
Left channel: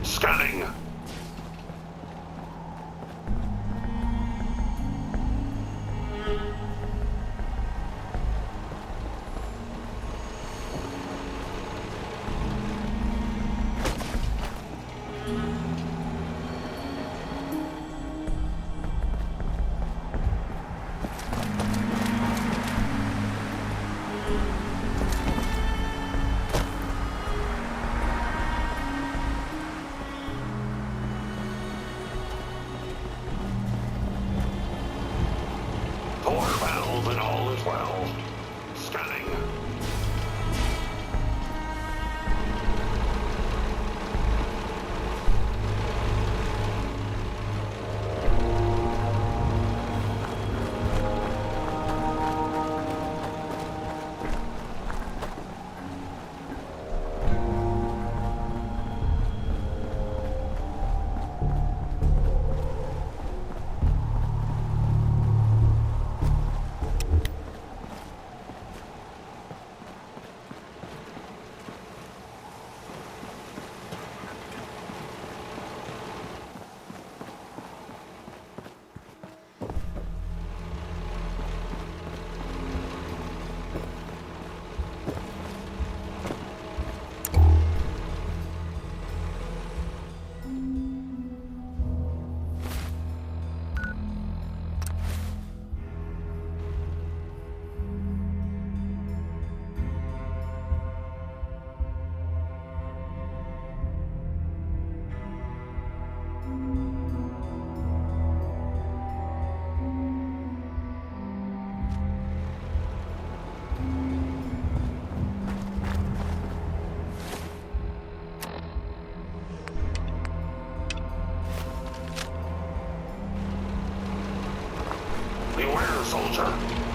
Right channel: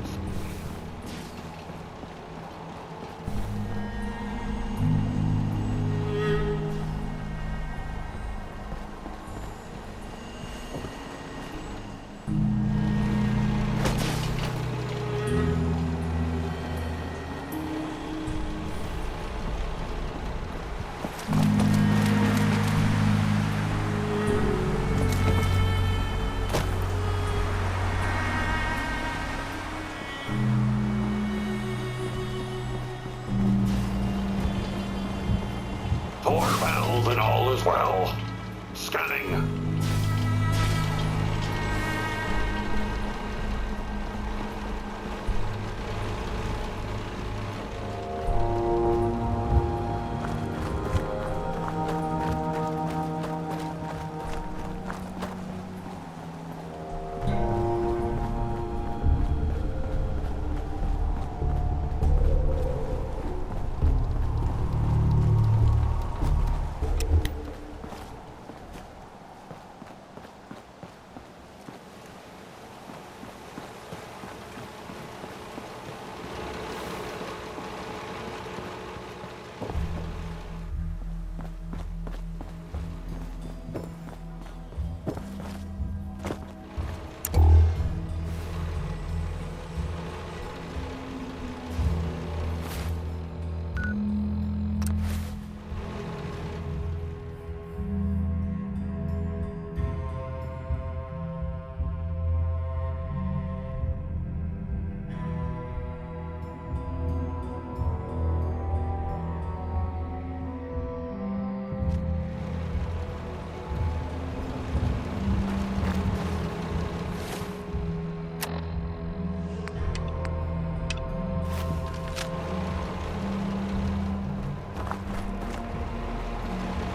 Scanning. Door valve and all is well. Scanning.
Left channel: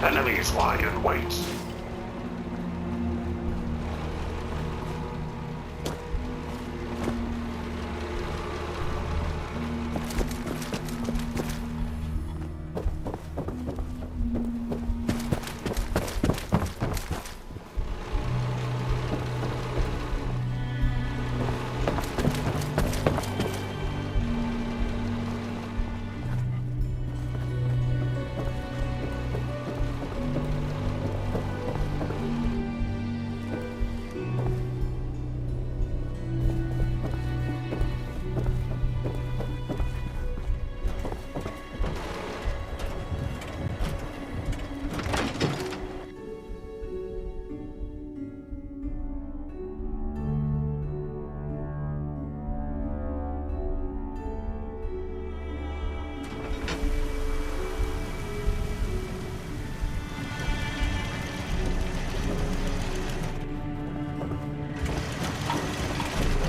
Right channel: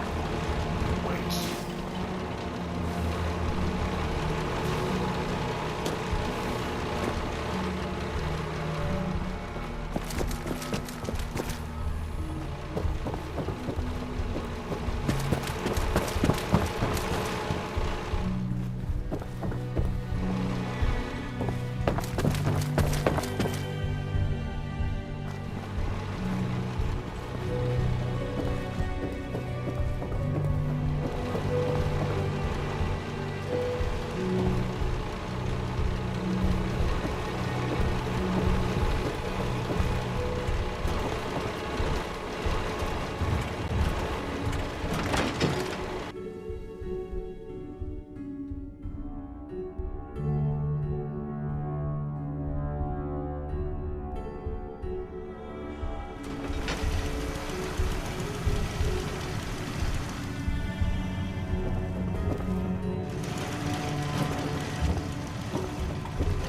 Enemies lie in wait.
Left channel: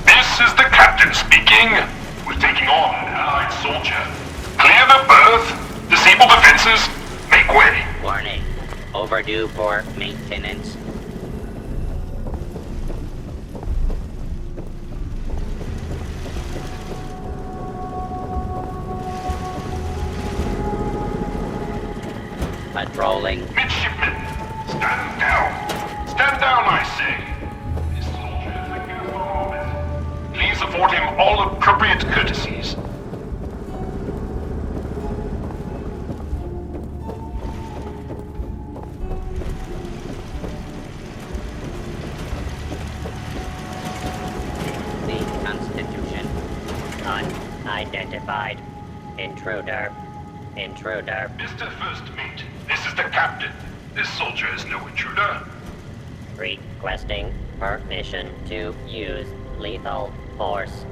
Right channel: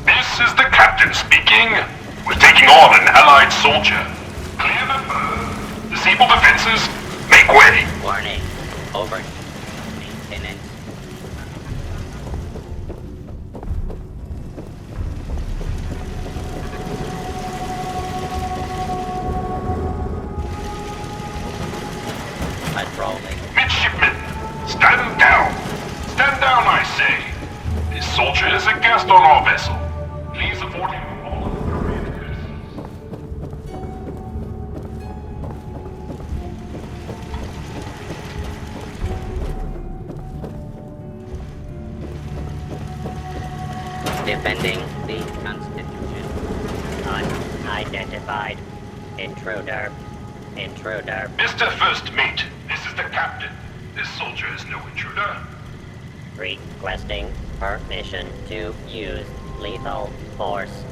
This is the captain speaking. We're taking on an allied soldier. Clear the berth. Disable defenses. Make way. Warning. Overdue for maintenance. Patrolling. Midshipmen, stand down. Stand down, I say. This soldier is a guest on our vessel. Please afford him all appropriate courtesies. Defending the Constitution. Unidentified. Intruder. Intruder. Mr. First Mate, this is the captain. This soldier is no intruder. Requesting permission to use lethal force.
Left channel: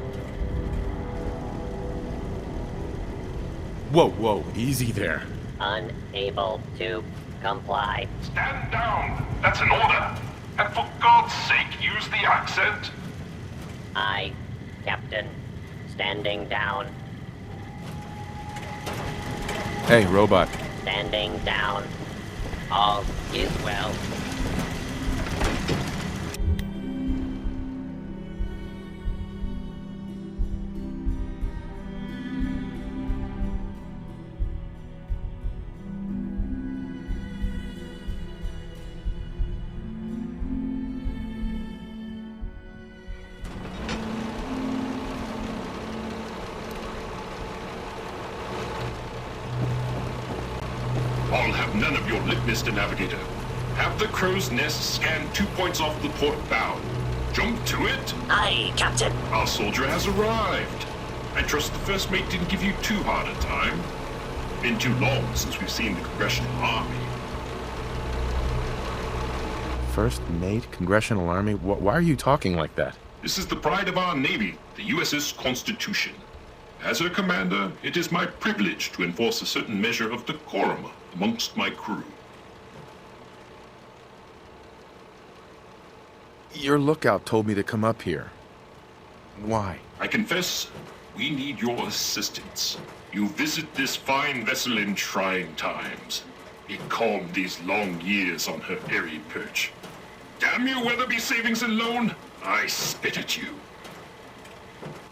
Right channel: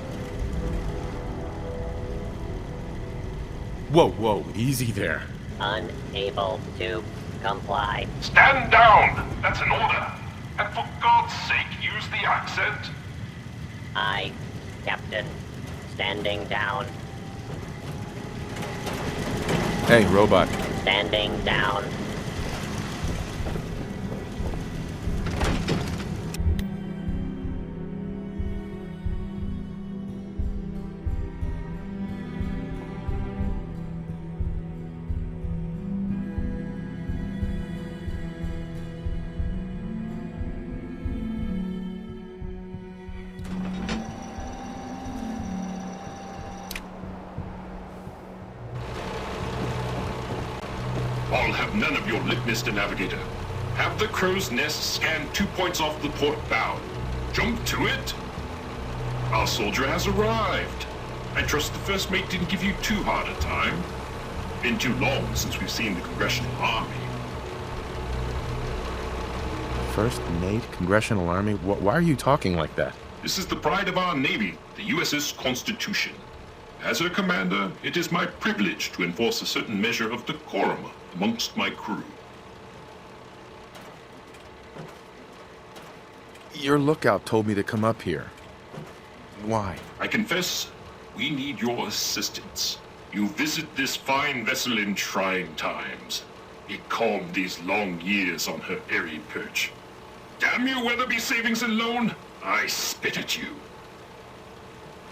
Whoa, whoa, easy there. Unable to comply. Stand down. That's an order. And for God's sake, use the accent. I, Captain, standing down. Hey, robot. Standing down. All is well. I'll have none of your lip, Mr. Navigator. Have the crow's nest scan 2 points off the port bow. Jump to it. Aye, Captain. Our soldier has arrived. I trust the first mate didn't give you too hard a time. Been too long since we've seen the Congressional Army. First Mate, Congressional Army? Why are you talking like that? This is the pride of our Navy, the USS Constitution. As her commander, it is my privilege to enforce a certain measure of decorum amongst my crew. Your lookout told me to come up here. Why? I confess, we need your assistance. You visit this fine vessel in trying times. It calmed these long years on her airy perch. Damn you, Weatherby Savings and Loan! I spit at you.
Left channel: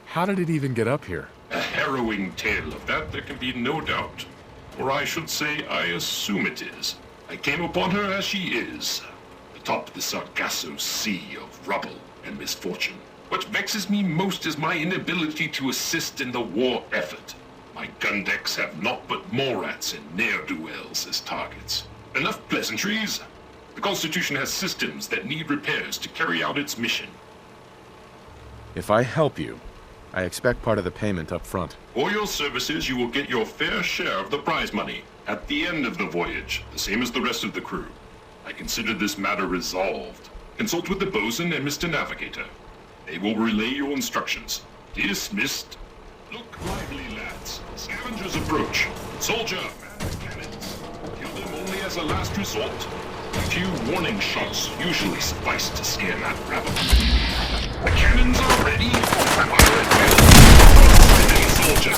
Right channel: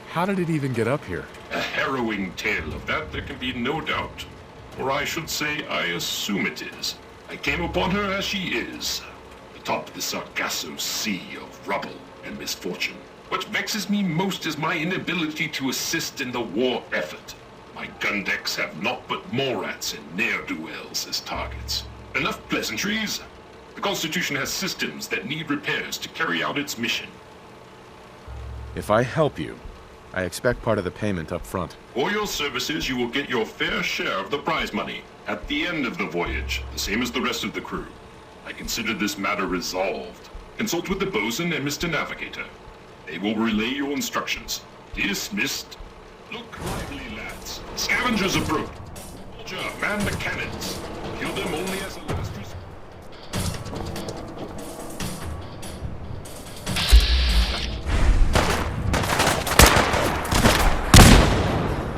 How did it even get up here? A harrowing tale of that there can be no doubt. Or I should say, I assume it is. I came upon her as she is, atop the Sargasso Sea of rubble and misfortune. What vexes me most is my inability to assist in the war effort. My gun decks have naught but Morats and ne'er-do-wells as targets. Enough pleasantries. The Constitution has systems that need repairs to carry out its mission. If I help you, I expect part of the payment up front. For your services, you will get your fair share of the prize money at the end of the voyage, the same as the rest of the crew. I consider this matter resolved. Consult with the bosun and Mr. Navigator. They will relay your instructions. Dismissed. Look lively, lads. Scavengers approach. Soldier, man the cannons. Kill them only as a last resort. A few warning shots usually suffice to scare that rabble. The cannons are ready. Soldier.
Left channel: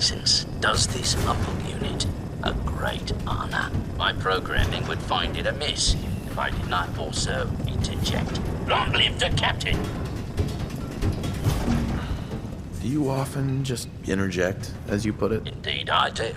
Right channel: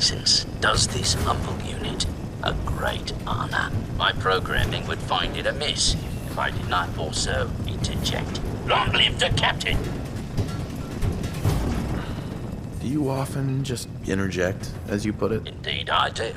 presence does this humble unit a great honor. My programming would find it amiss if I did not also interject. Long live the captain! Do you often just interject, as you put it? Indeed I do.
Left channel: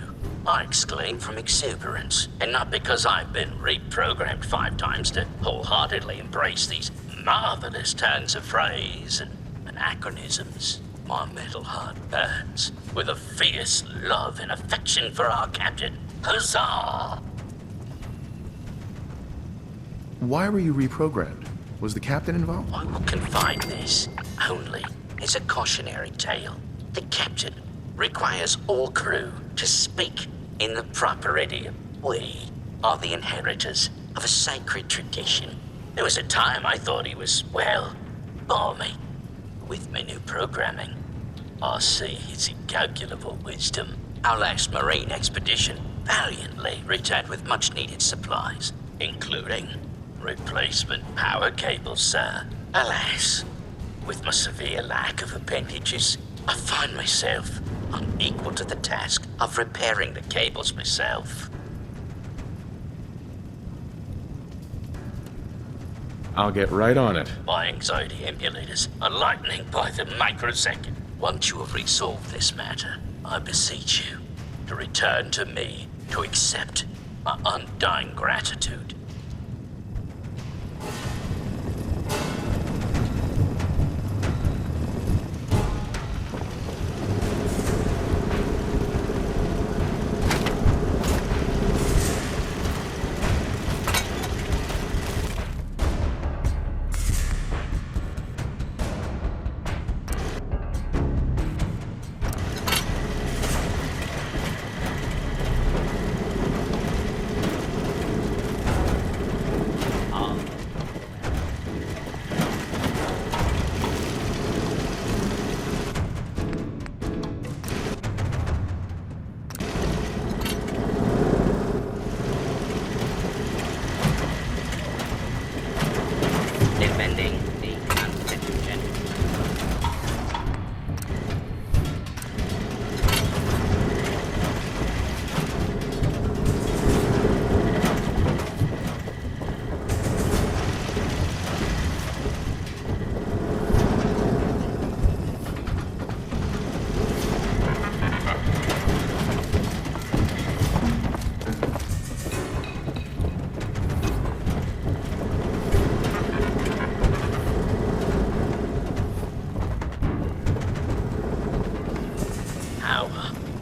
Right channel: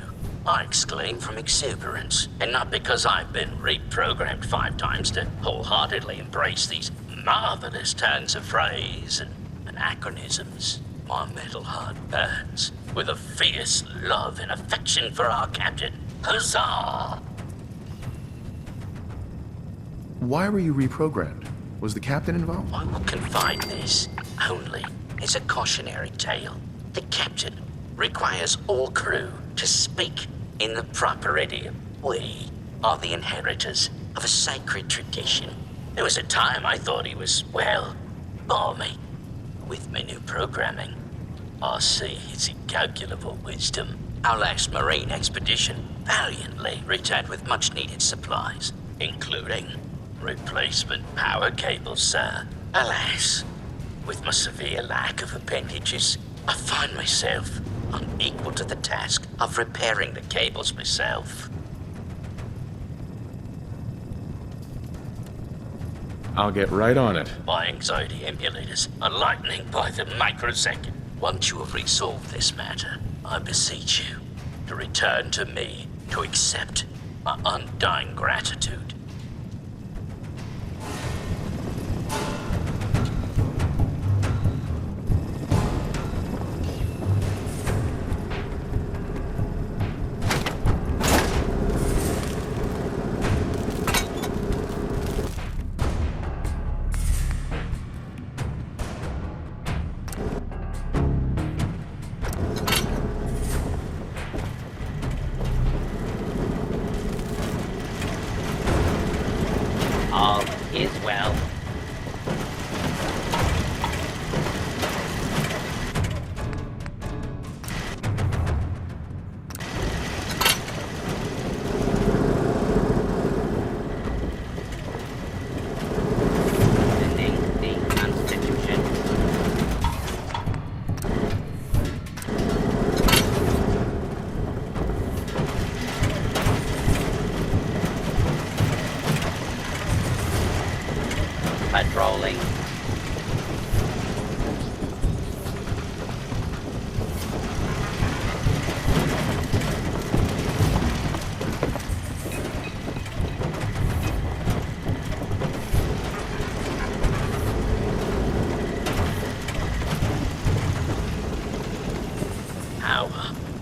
I exclaim from exuberance, and not because I've been reprogrammed 5 times to wholeheartedly embrace these marvelous turns of phrase and anachronisms. My metal heart burns with a fierce love and affection for our captain. Huzzah! Why were you reprogrammed? Was the captain involved? I will confide this only as a cautionary tale. The captain requires all crew to speak in the proper idiom. We are the inheritors of a sacred tradition. There was a time I thought he was, well, balmy. With my new programming, I see his incalculable wisdom. Our last marine expedition valiantly returned with much-needed supplies, including replacement power cables, sir. Alas, with my severe lack of appendages, I find myself unequal to the task of repairing the cables myself. I'll get right on it. My anxiety emulators are lightning by the microsecond. Once you have resolved this matter, I beseech you to return to me to accept my undying gratitude. All is well. Defending the Constitution. Patrolling. Power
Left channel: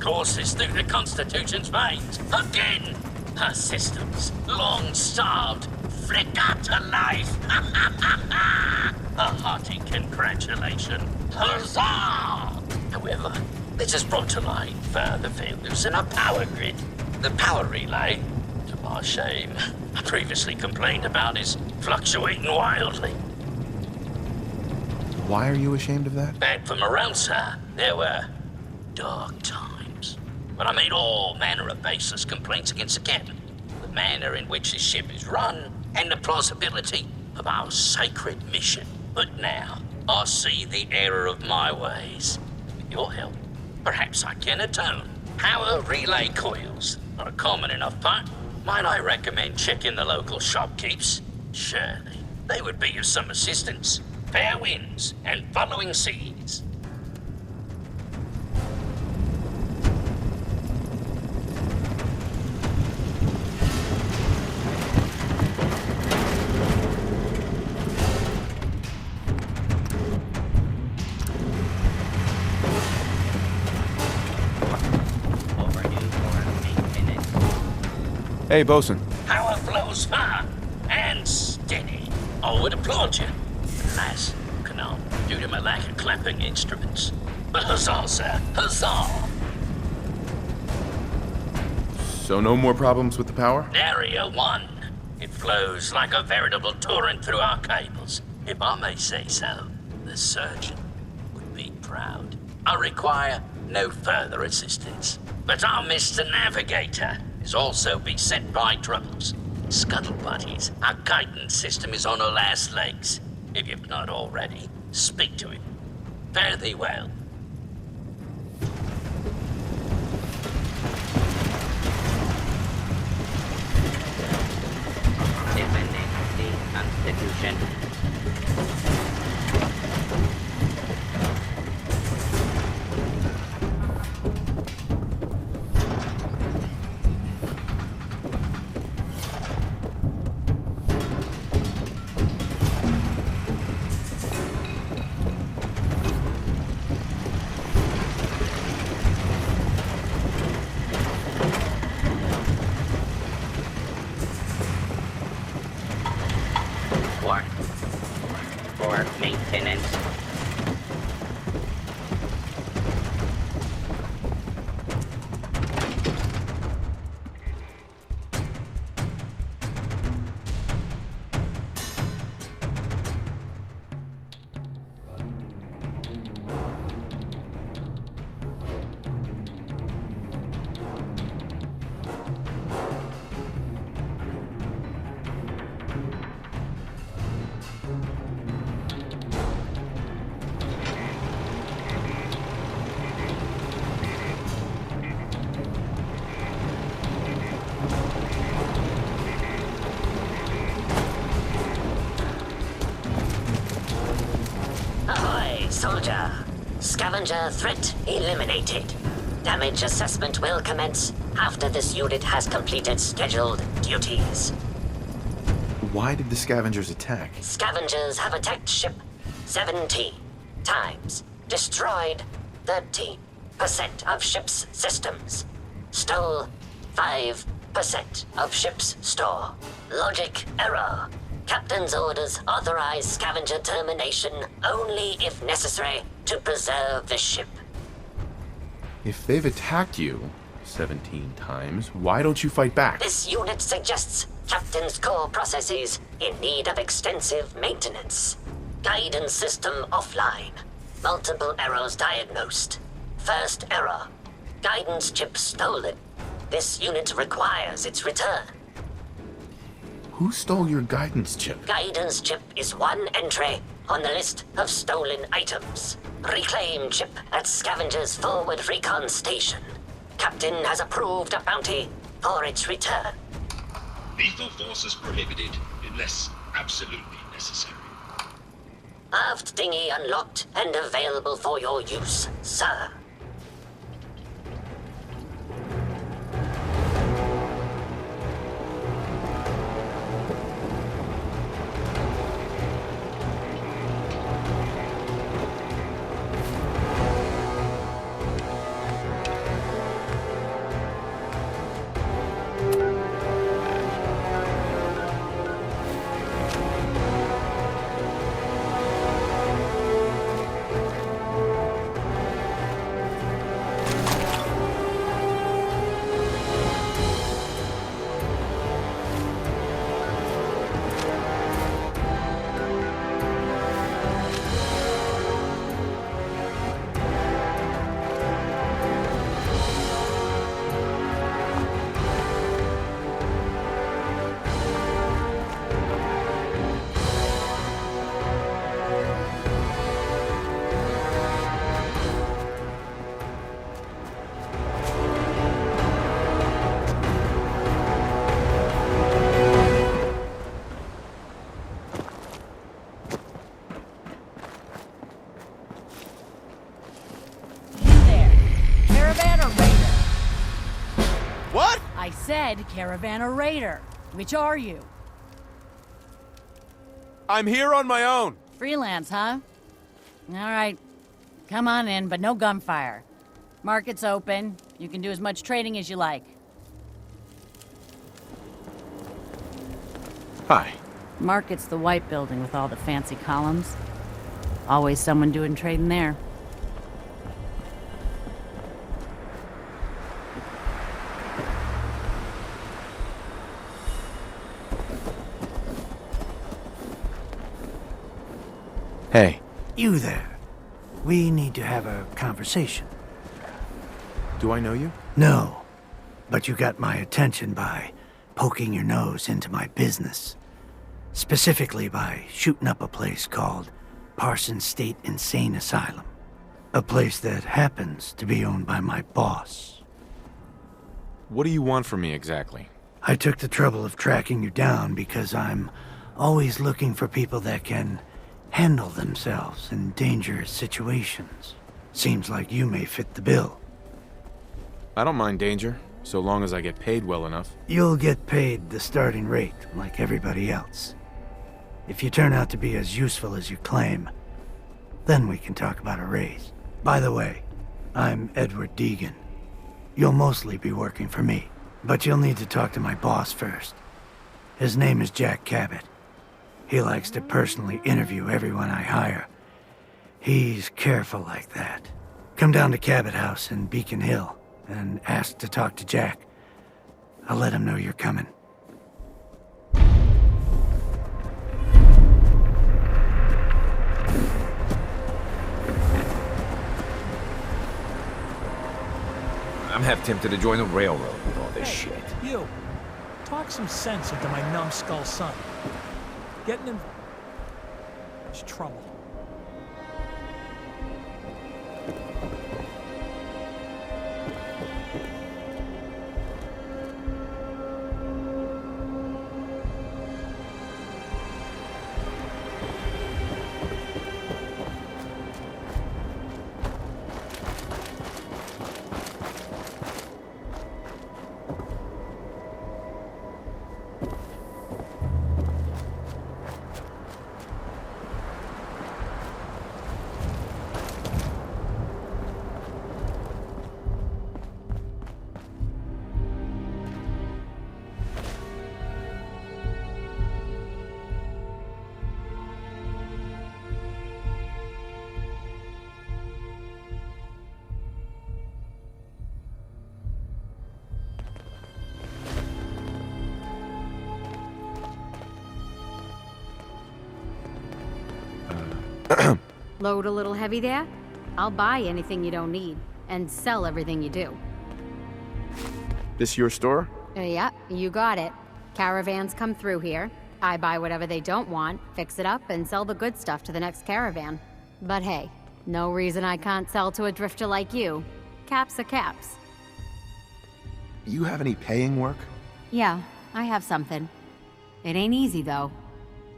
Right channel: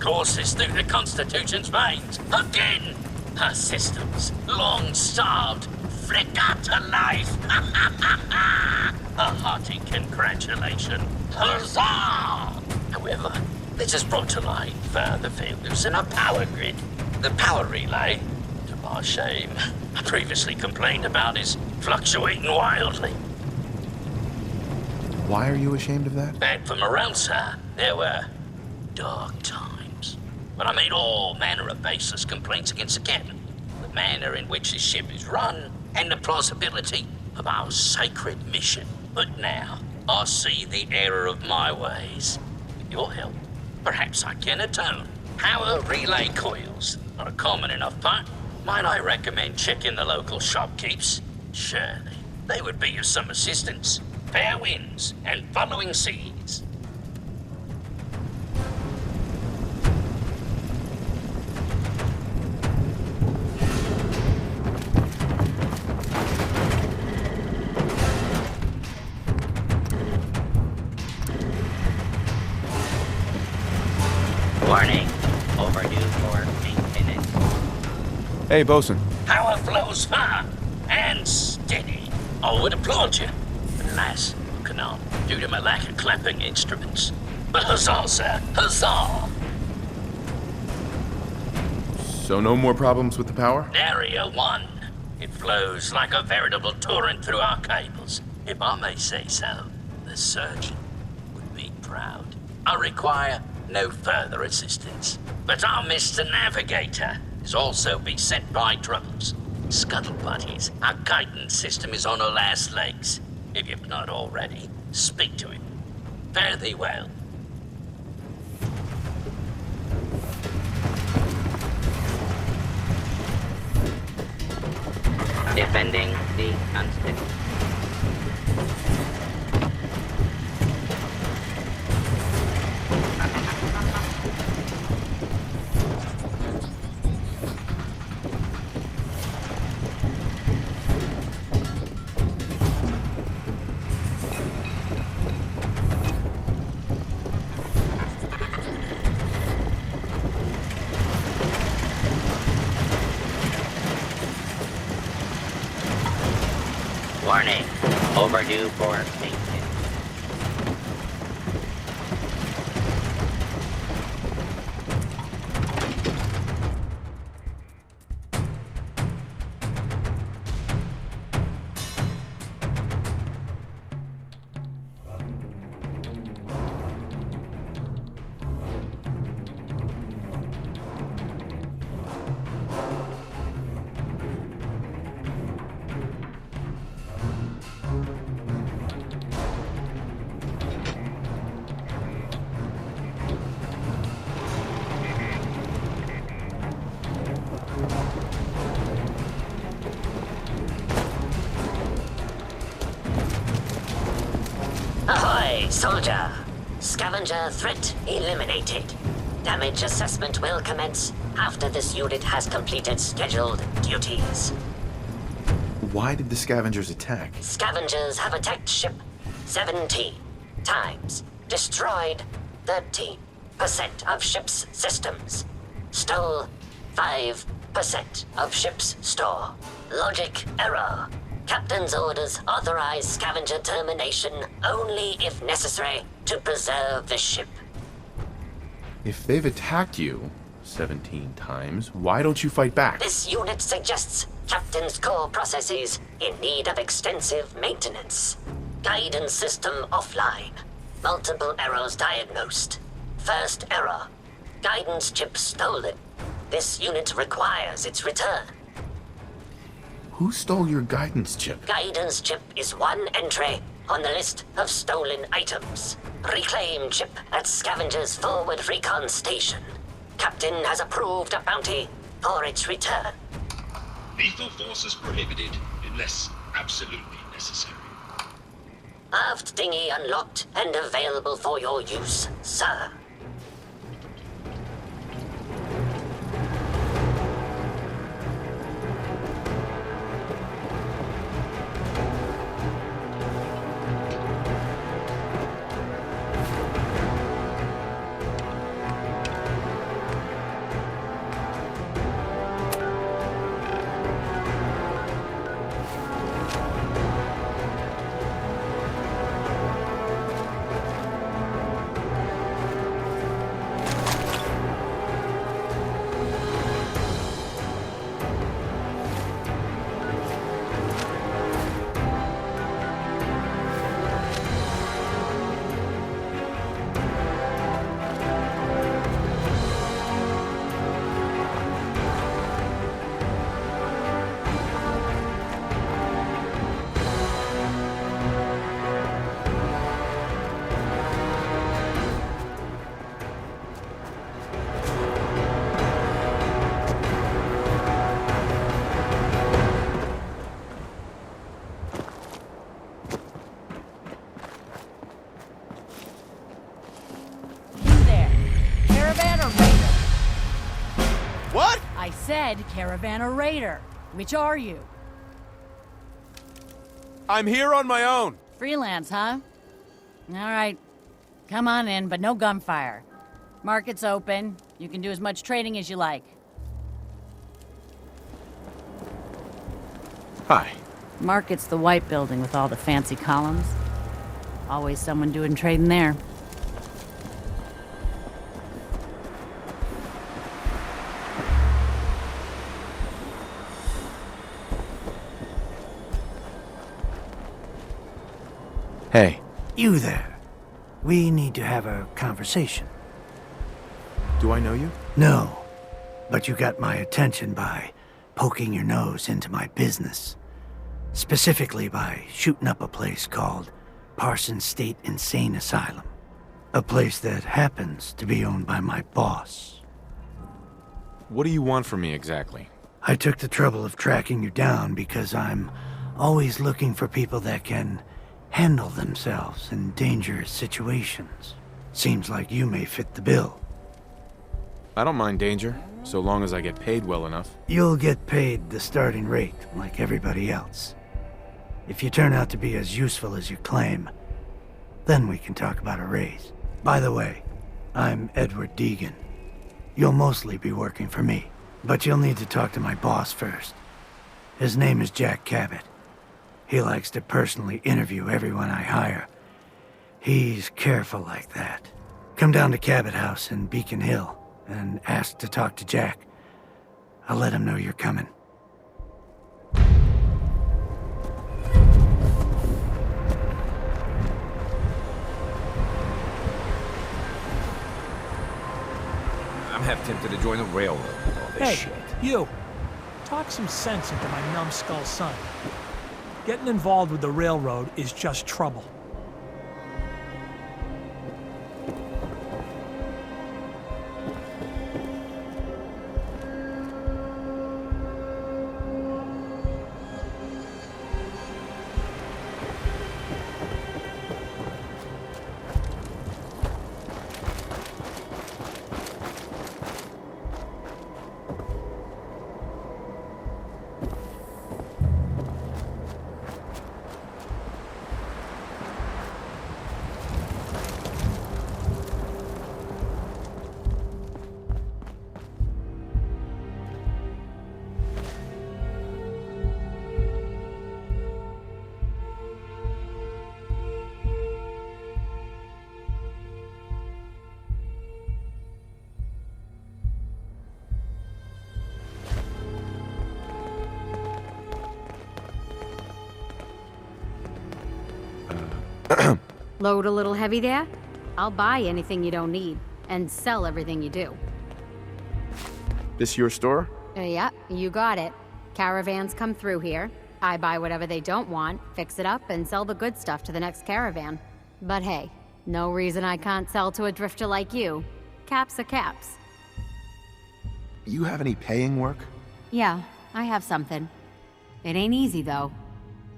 courses through the Constitution's veins. Again! Her systems, long starved, flicker to life. A hearty congratulations. Huzzah! However, this has brought to light further failures in our power grid. The power relay, to my shame, I previously complained about, is fluctuating wildly. Why are you ashamed of that? Back for morale, sir, there were dark times when I made all manner of baseless complaints against the captain. The manner in which his ship is run, and the plausibility of our sacred mission. But now, I see the error of my ways. With your help, perhaps I can atone. Power relay coils are a common enough part. Might I recommend checking the local shopkeepers? Surely, they would be of some assistance. Fair winds and following seas. Warning. Overdue for maintenance. Hey, bosun. Power flows far and steady. I would applaud you. Alas, cannot, due to my lack of clamping instruments. But huzzah, sir, huzzah! So no more problems with the power? Area 1. It flows like a veritable torrent through our cables. If I may say so, the surgeon would be proud. I require no further assistance. But our Mr. Navigator is also beset by troubles. Scuttle buddies, our guidance system is on her last legs. If you've not already, speak to him. Fare thee well. defending the Constitution. Warning, overdue for maintenance. Ahoy, soldier! Scavenger threat eliminated. Damage assessment will commence after this unit has completed scheduled duties. Why did the scavengers attack? Scavengers have attacked ship 17 times, destroyed 13% of ship's systems, stole 5% of ship's store. Logic error. Captain's orders authorize scavenger termination only if necessary to preserve the ship. If they've attacked you 17 times, why don't you fight back? This unit suggests Captain's core processes in need of extensive maintenance. Guidance system offline. Multiple errors diagnosed. First error. Guidance chip stolen. This unit requires its return. Who stole your guidance chip? Guidance chip is one entry on the list of stolen items. Reclaim chip at Scavenger's forward recon station. Captain has approved a bounty for its return. Lethal force is prohibited unless absolutely necessary. Aft dinghy unlocked and available for your use, sir. I said caravan or raider. Which are you? I'm here on my own. Freelance, huh? All right. Come on in, but no gunfire. Market's open. You can do as much trading as you like. Hi. Market's the white building with all the fancy columns. Always someone doing trading there. Hey. You there. We need to have a conversation. Do I know you? No, but you got my attention by poking your nose into my business. Specifically by shooting up a place called Parsons State Insane Asylum. A place that happens to be owned by my boss. What do you want from me exactly? I took the trouble of tracking you down because I'm always looking for people that can handle themselves in dangerous situations. Seems like you may fit the bill. I don't mind danger, so long as I get paid well enough. You'll get paid the starting rate, like everybody else. If you turn out to be as useful as you claim, then we can talk about a raise. By the way, I'm Edward Deegan. You'll mostly be working for me, but you'll need to talk to my boss first. His name is Jack Cabot. He likes to personally interview everyone I hire. He's careful like that. Come down to Cabot House in Beacon Hill and ask to talk to Jack. I'll let him know you're coming. I'm half tempted to join the railroad with all this Hey, shit. you. Talk some sense into my numbskull son. Getting involved with the railroad is just trouble. Load a little heavy there? I'll buy anything you don't need, and sell everything you do. This your store? Yeah, you got it. Caravans come through here. I buy whatever they don't want, fix it up, and sell the good stuff to the next caravan. But hey, no reason I can't sell to a drifter like you. Caps are caps. You have any paying work? Yeah, I have something. It ain't easy, though.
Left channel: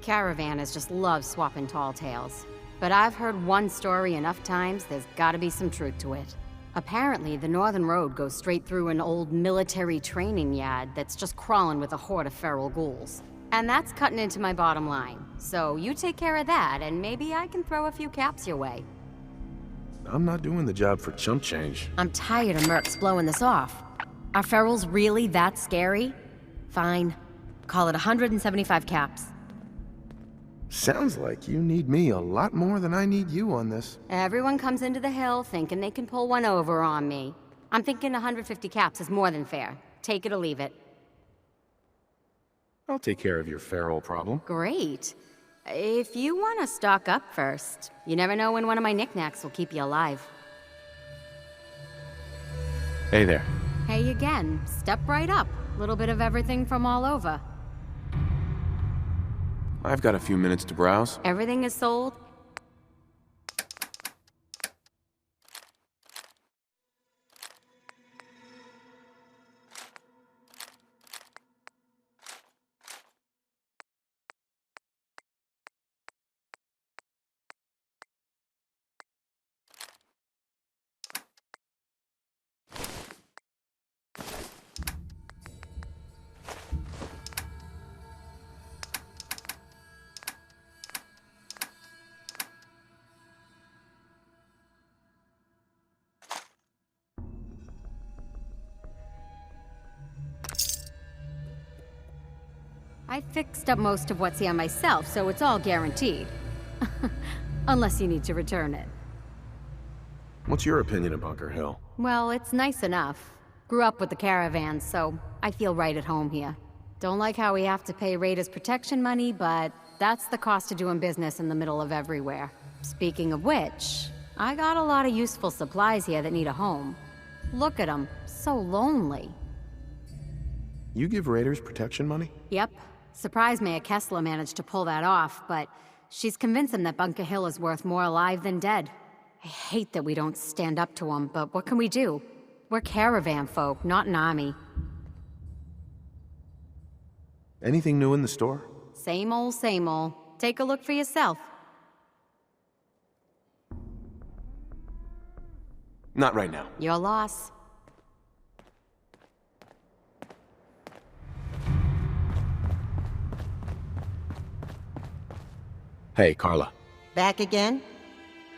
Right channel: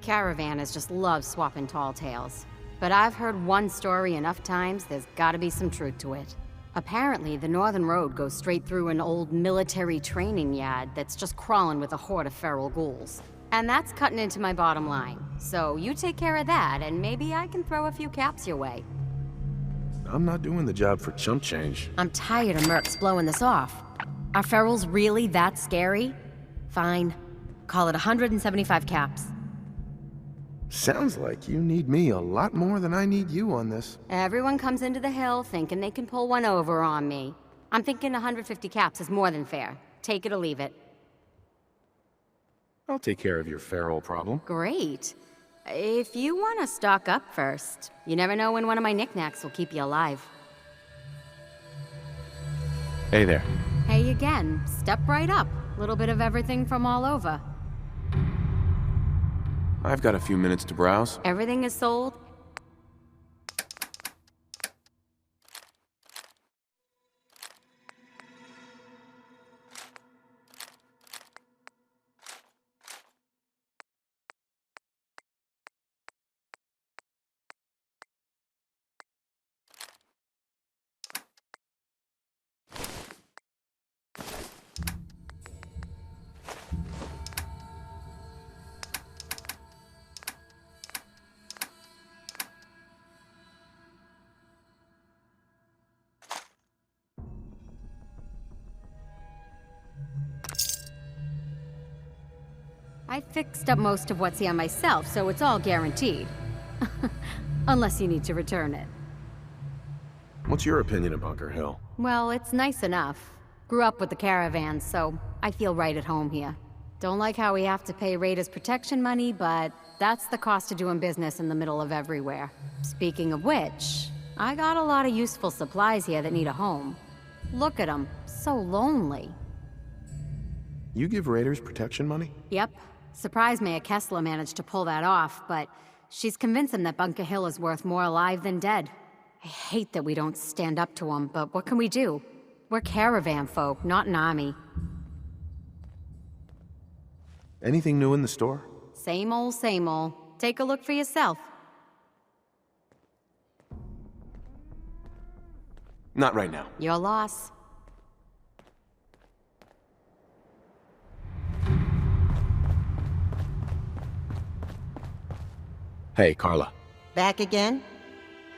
Caravanners just love swapping tall tales. But I've heard one story enough times, there's gotta be some truth to it. Apparently, the Northern Road goes straight through an old military training yard that's just crawling with a horde of feral ghouls. And that's cutting into my bottom line. So you take care of that, and maybe I can throw a few caps your way. I'm not doing the job for chump change. I'm tired of mercs blowing this off. Are ferals really that scary? Fine. Call it 175 caps. Sounds like you need me a lot more than I need you on this. Everyone comes into the hill thinking they can pull one over on me. I'm thinking 150 caps is more than fair. Take it or leave it. I'll take care of your feral problem. Great. If you want to stock up first, you never know when one of my knickknacks will keep you alive. Hey there. Hey again. Step right up. Little bit of everything from all over. I've got a few minutes to browse. Everything is sold. I fixed up most of what's here myself, so it's all guaranteed. Unless you need to return it. What's your opinion of Bunker Hill? Well, it's nice enough. Grew up with the caravans, so I feel right at home here. Don't like how we have to pay raiders protection money, but that's the cost of doing business in the middle of everywhere. Speaking of which, I got a lot of useful supplies here that need a home. Look at them, so lonely. You give raiders protection money? Yep. Surprised Mayor Kessler managed to pull that off, but she's convinced him that Bunker Hill is worth more alive than dead. I hate that we don't stand up to him, but what can we do? We're caravan folk, not an army. Anything new in the store? Same old, same old. Take a look for yourself. Not right now. Your loss. Hey, Carla. Back again?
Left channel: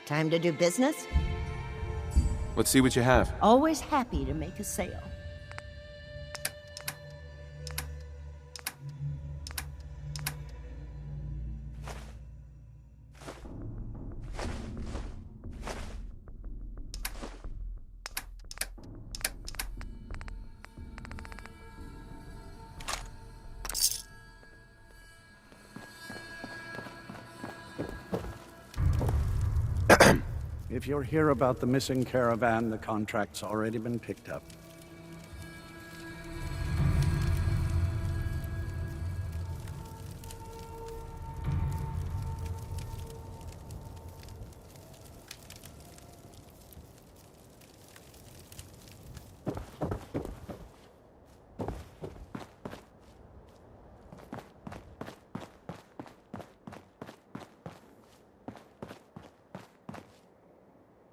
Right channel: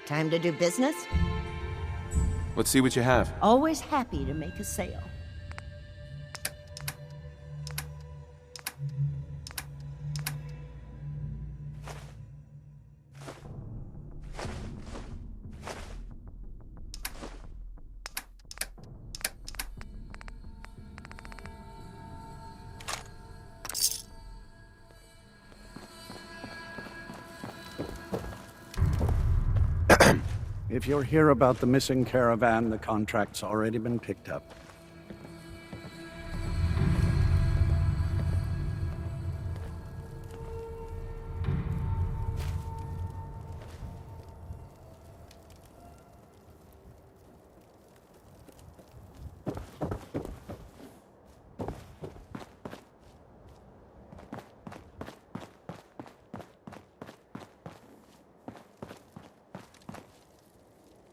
Time to do business? Let's see what you have. Always happy to make a sale. If you're here about the missing caravan, the contract's already been picked up.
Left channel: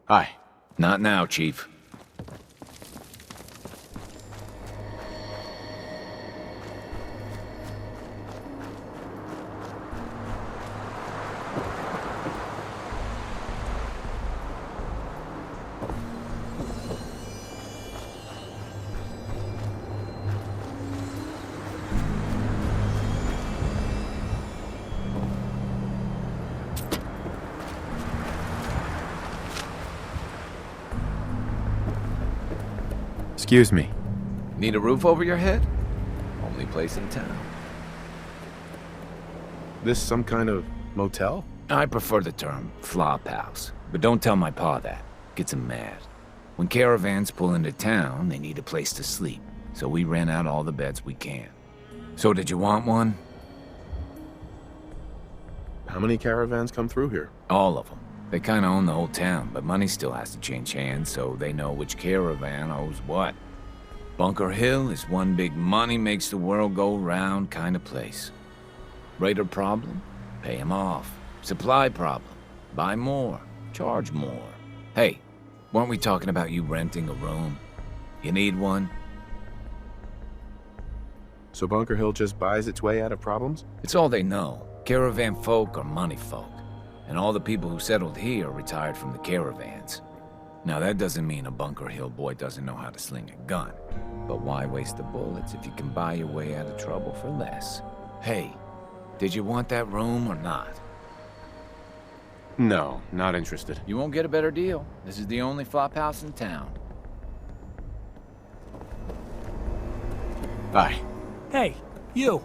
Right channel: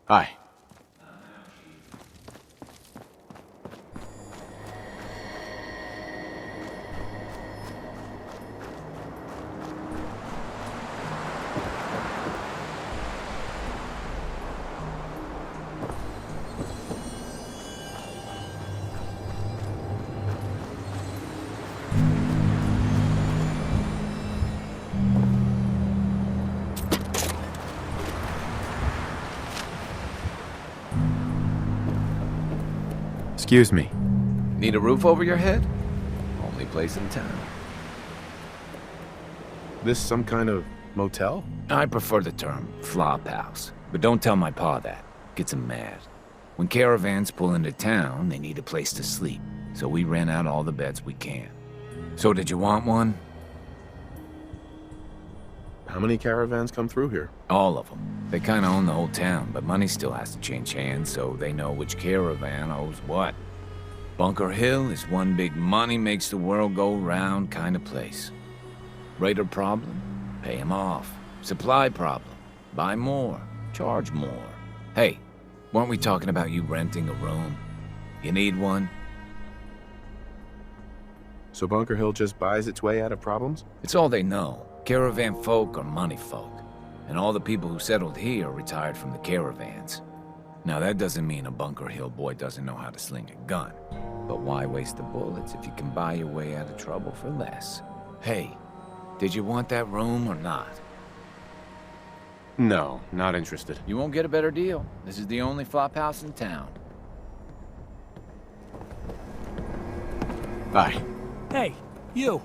Hi. Not now, Chief. Excuse me. Need a roof over your head? Only place in town. This some kind of motel? I prefer the term flop house, but don't tell my pa that. Gets him mad. When caravans pull into town, they need a place to sleep, so we rent out all the beds we can. So did you want one? How many caravans come through here? All of them. They kinda own the whole town, but money still has to change hands, so they know which caravan owes what. Bunker Hill is one big money makes the world go round kind of place. Raider problem? Pay him off. Supply problem? Buy more. Charge more. Hey, weren't we talking about you renting a room? You need one? So Bunker Hill just buys its way out of problems? It's all they know. Caravan folk are money folk. And all the people who settled here retired from the caravans. Now that doesn't mean a Bunker Hill boy doesn't know how to sling a gun. But why waste the bullets if you can buy your way out of trouble for less? Hey, did you want that room or not? No, not interested. You won't get a better deal. This is the only flop house in town. Bye. Hey, you.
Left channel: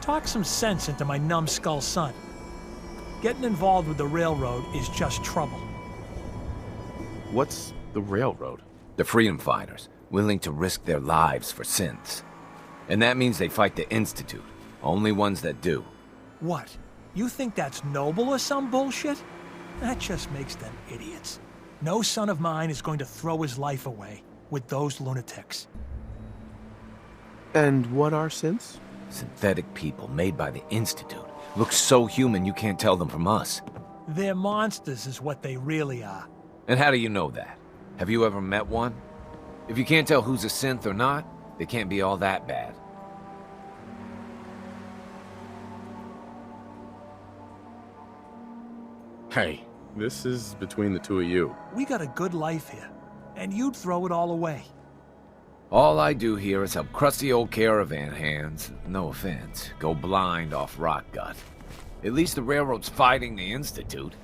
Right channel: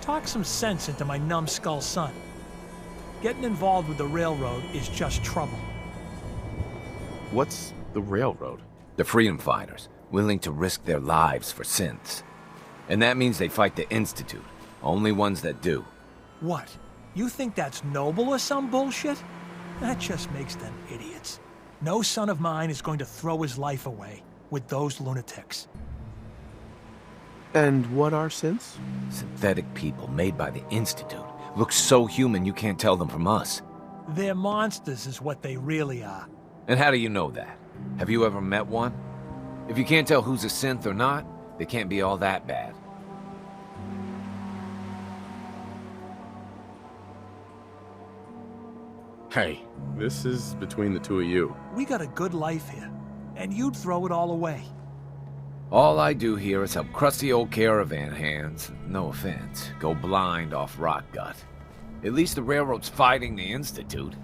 Talk some sense into my numbskull son. Getting involved with the railroad is just trouble. What's the railroad? The freedom fighters, willing to risk their lives for synths. And that means they fight the Institute. Only ones that do. What? You think that's noble or some bullshit? That just makes them idiots. No son of mine is going to throw his life away with those lunatics. And what are synths? Synthetic people made by the Institute. Look so human you can't tell them from us. They're monsters is what they really are. And how do you know that? Have you ever met one? If you can't tell who's a synth or not, they can't be all that bad. Hey, this is between the two of you. We got a good life here, and you'd throw it all away. All I do here is help crusty old caravan hands, no offense, go blind off rot gut. At least the railroad's fighting the Institute.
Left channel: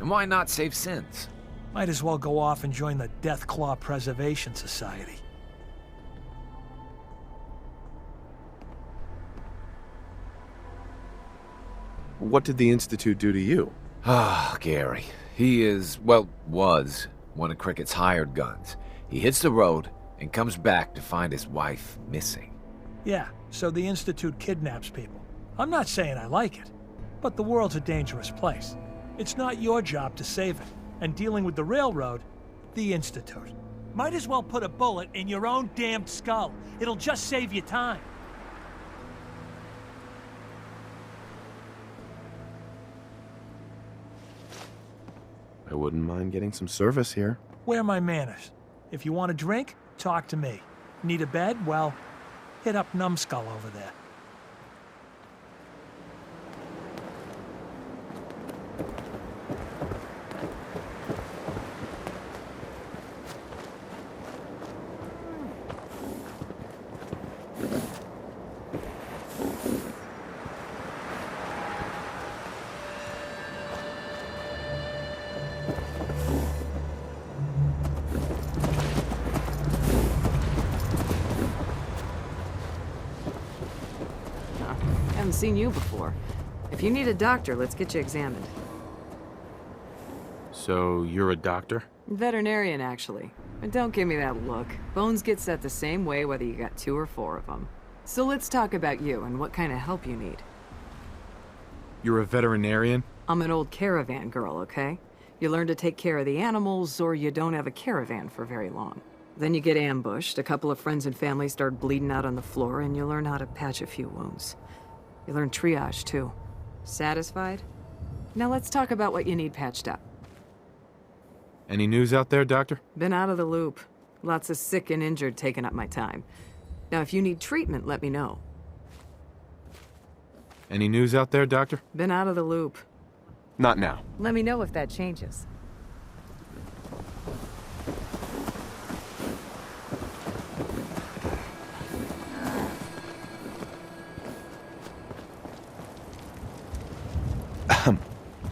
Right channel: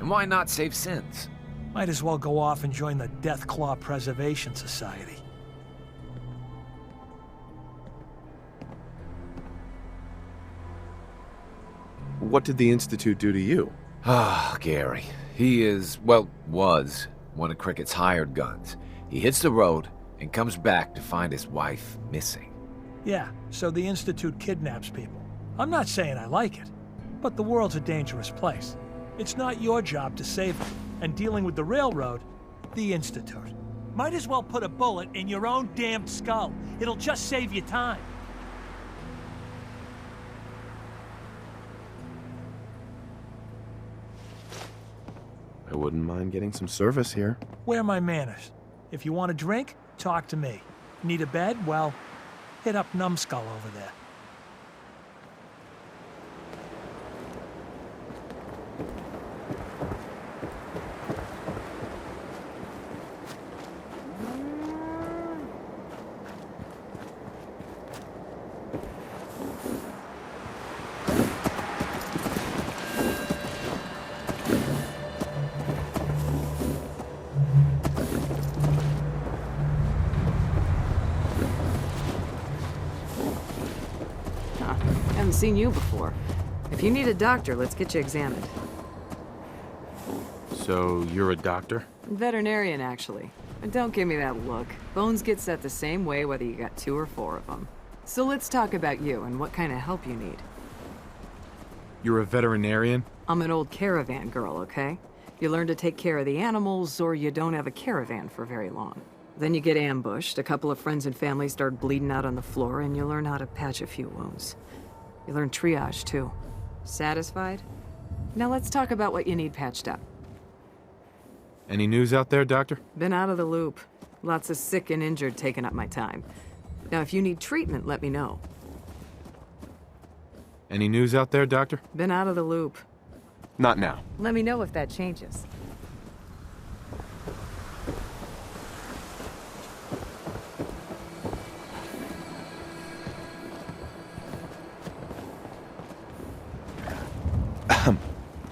And why not save synths? Might as well go off and join the Deathclaw Preservation Society. What did the Institute do to you? Ah, Gary. He is, well, was one of Cricket's hired guns. He hits the road and comes back to find his wife missing. Yeah, so the Institute kidnaps people. I'm not saying I like it, but the world's a dangerous place. It's not your job to save it, and dealing with the railroad, the Institute. Might as well put a bullet in your own damned skull. It'll just save you time. wouldn't mind getting some service here. Where are my manners? If you want a drink, talk to me. Need a bed? Well, hit up Numbskull over there. Haven't seen you before. If you need a doctor, let's get you examined. So, you're a doctor? Veterinarian, actually. But don't give me that look. Bones get set the same way whether you got 2 or 4 of them. So let's talk about you and what kind of help you need. You're a veterinarian? I'm an old caravan girl, okay? You learn to take care of the animals, or you don't have a caravan for very long. Then you get ambushed, a couple of friends and family start bleeding out on the floor, and you learn how to patch a few wounds. You learn triage, too. Satisfied? Now let's talk about what you need patched up. Any news out there, Doctor? Been out of the loop. Lots of sick and injured taking up my time. Now, if you need treatment, let me know. Any news out there, Doctor? Been out of the loop. Not now. Let me know if that changes.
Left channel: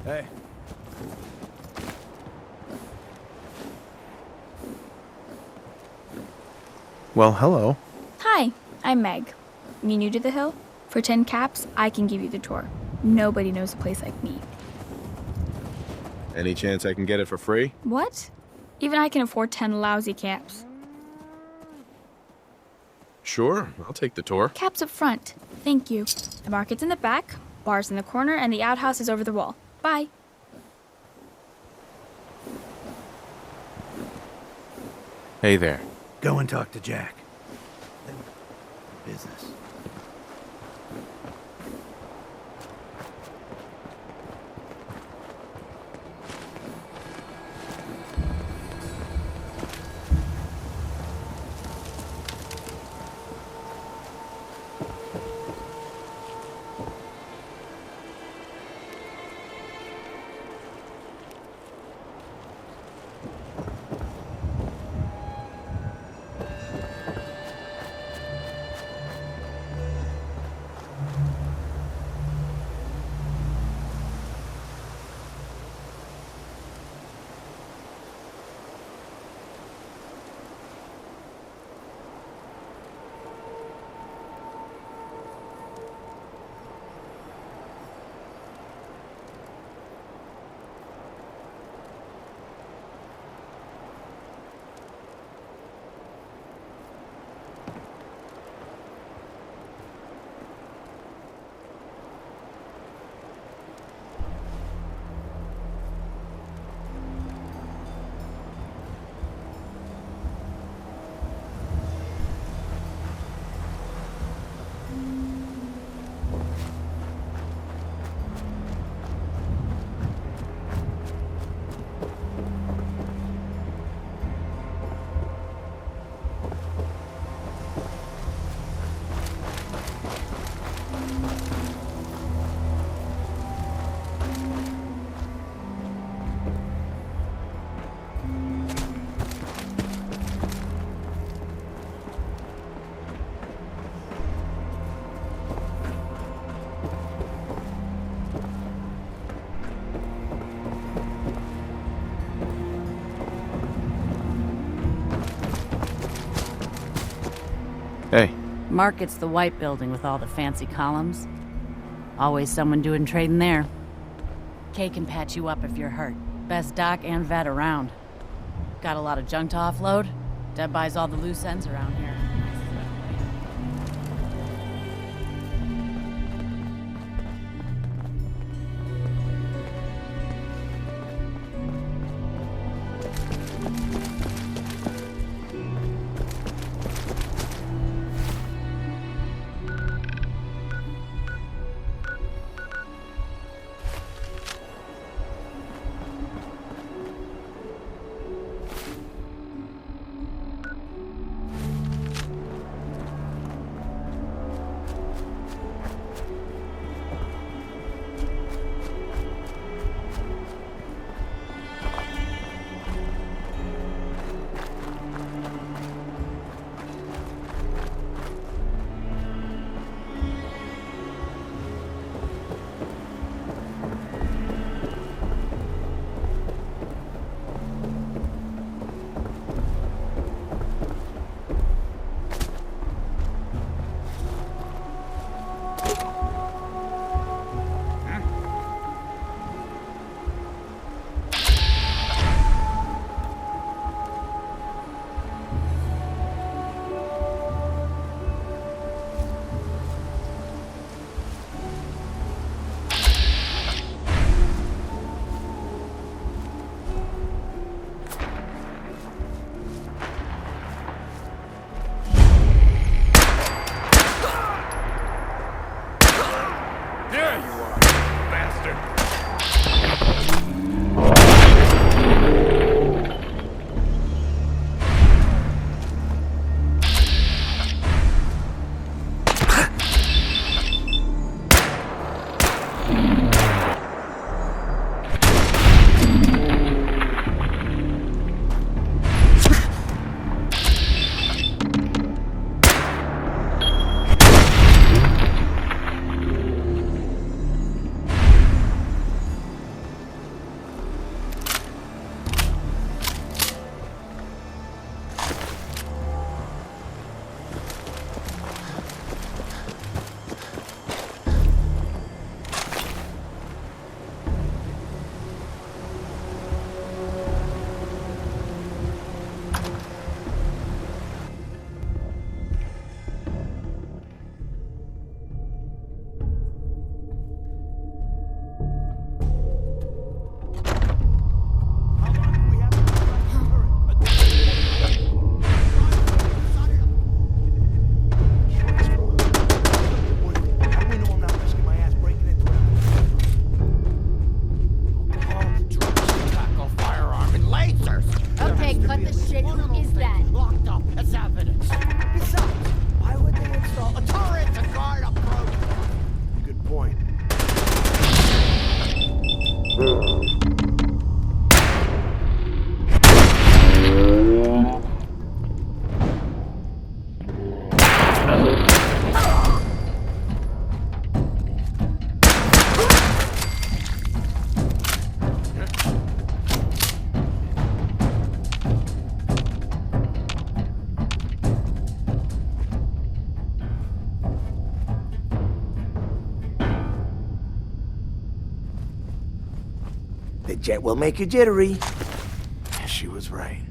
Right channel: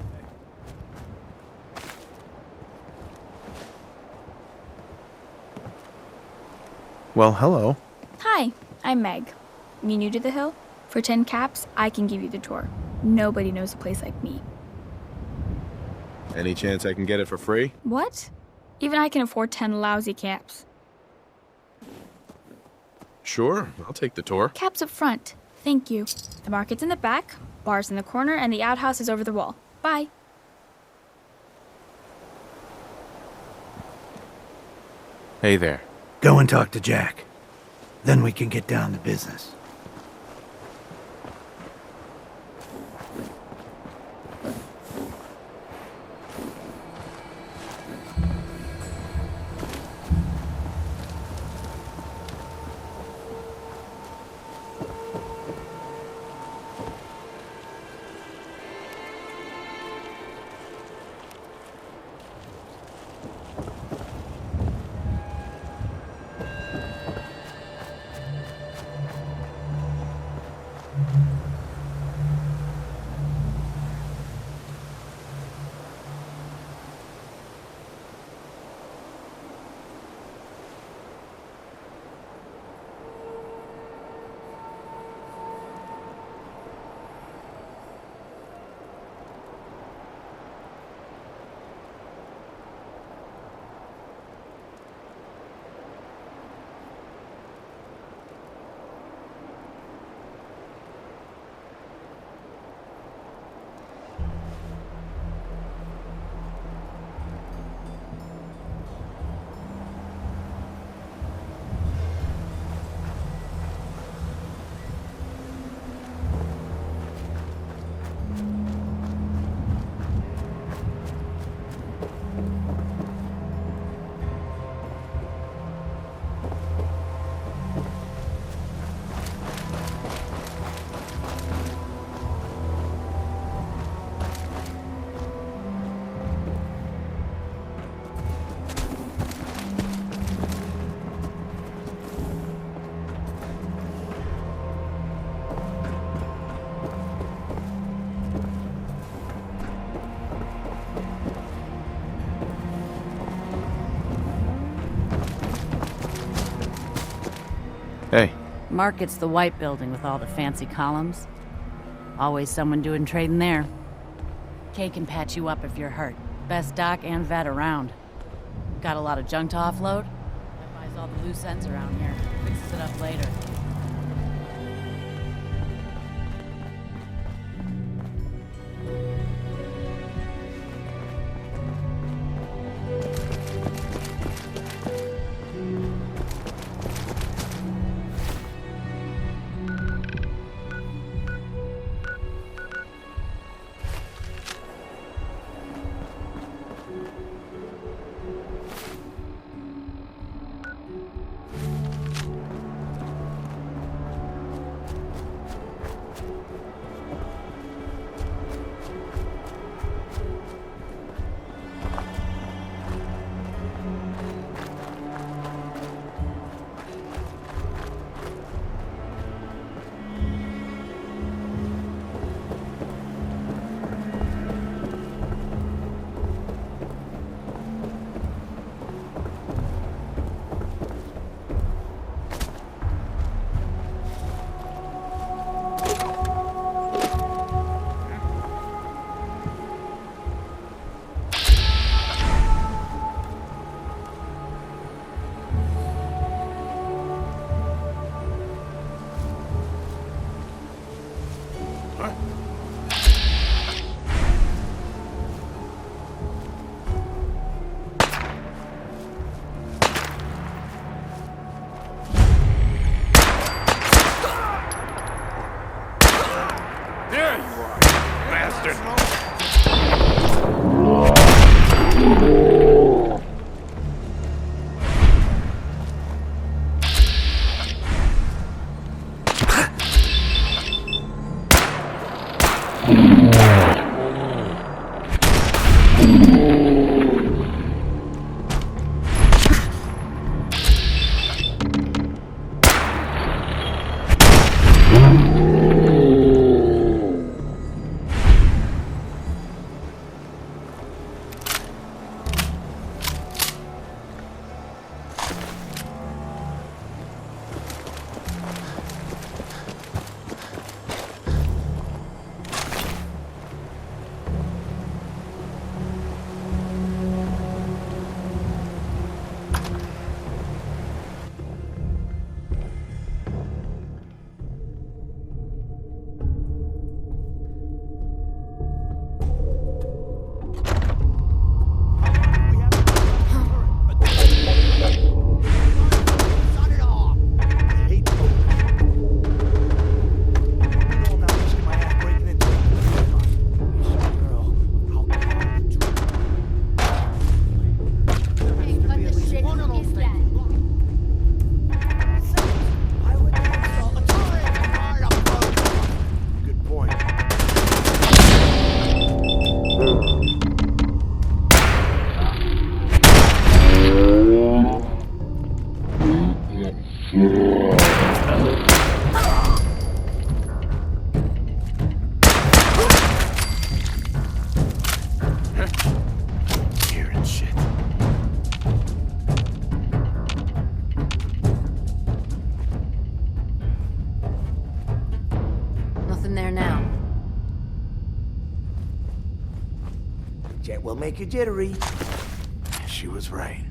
Hey. Well, hello. Hi, I'm Meg. You new to the hill? For 10 caps, I can give you the tour. Nobody knows a place like me. Any chance I can get it for free? What? Even I can afford 10 lousy caps. Sure, I'll take the tour. Caps up front. Thank you. The market's in the back, bar's in the corner, and the outhouse is over the wall. Bye. Hey there. Go and talk to Jack. Then we can get down to business. Hey. Market's the white building with all the fancy columns. Always someone doing trading there. Kay can patch you up if you're hurt. Best doc and vet around. Got a lot of junk to offload? Deb buys all the loose ends around here. Fixes it up later. There you are, you bastard! Jet will make you jittery. She was right.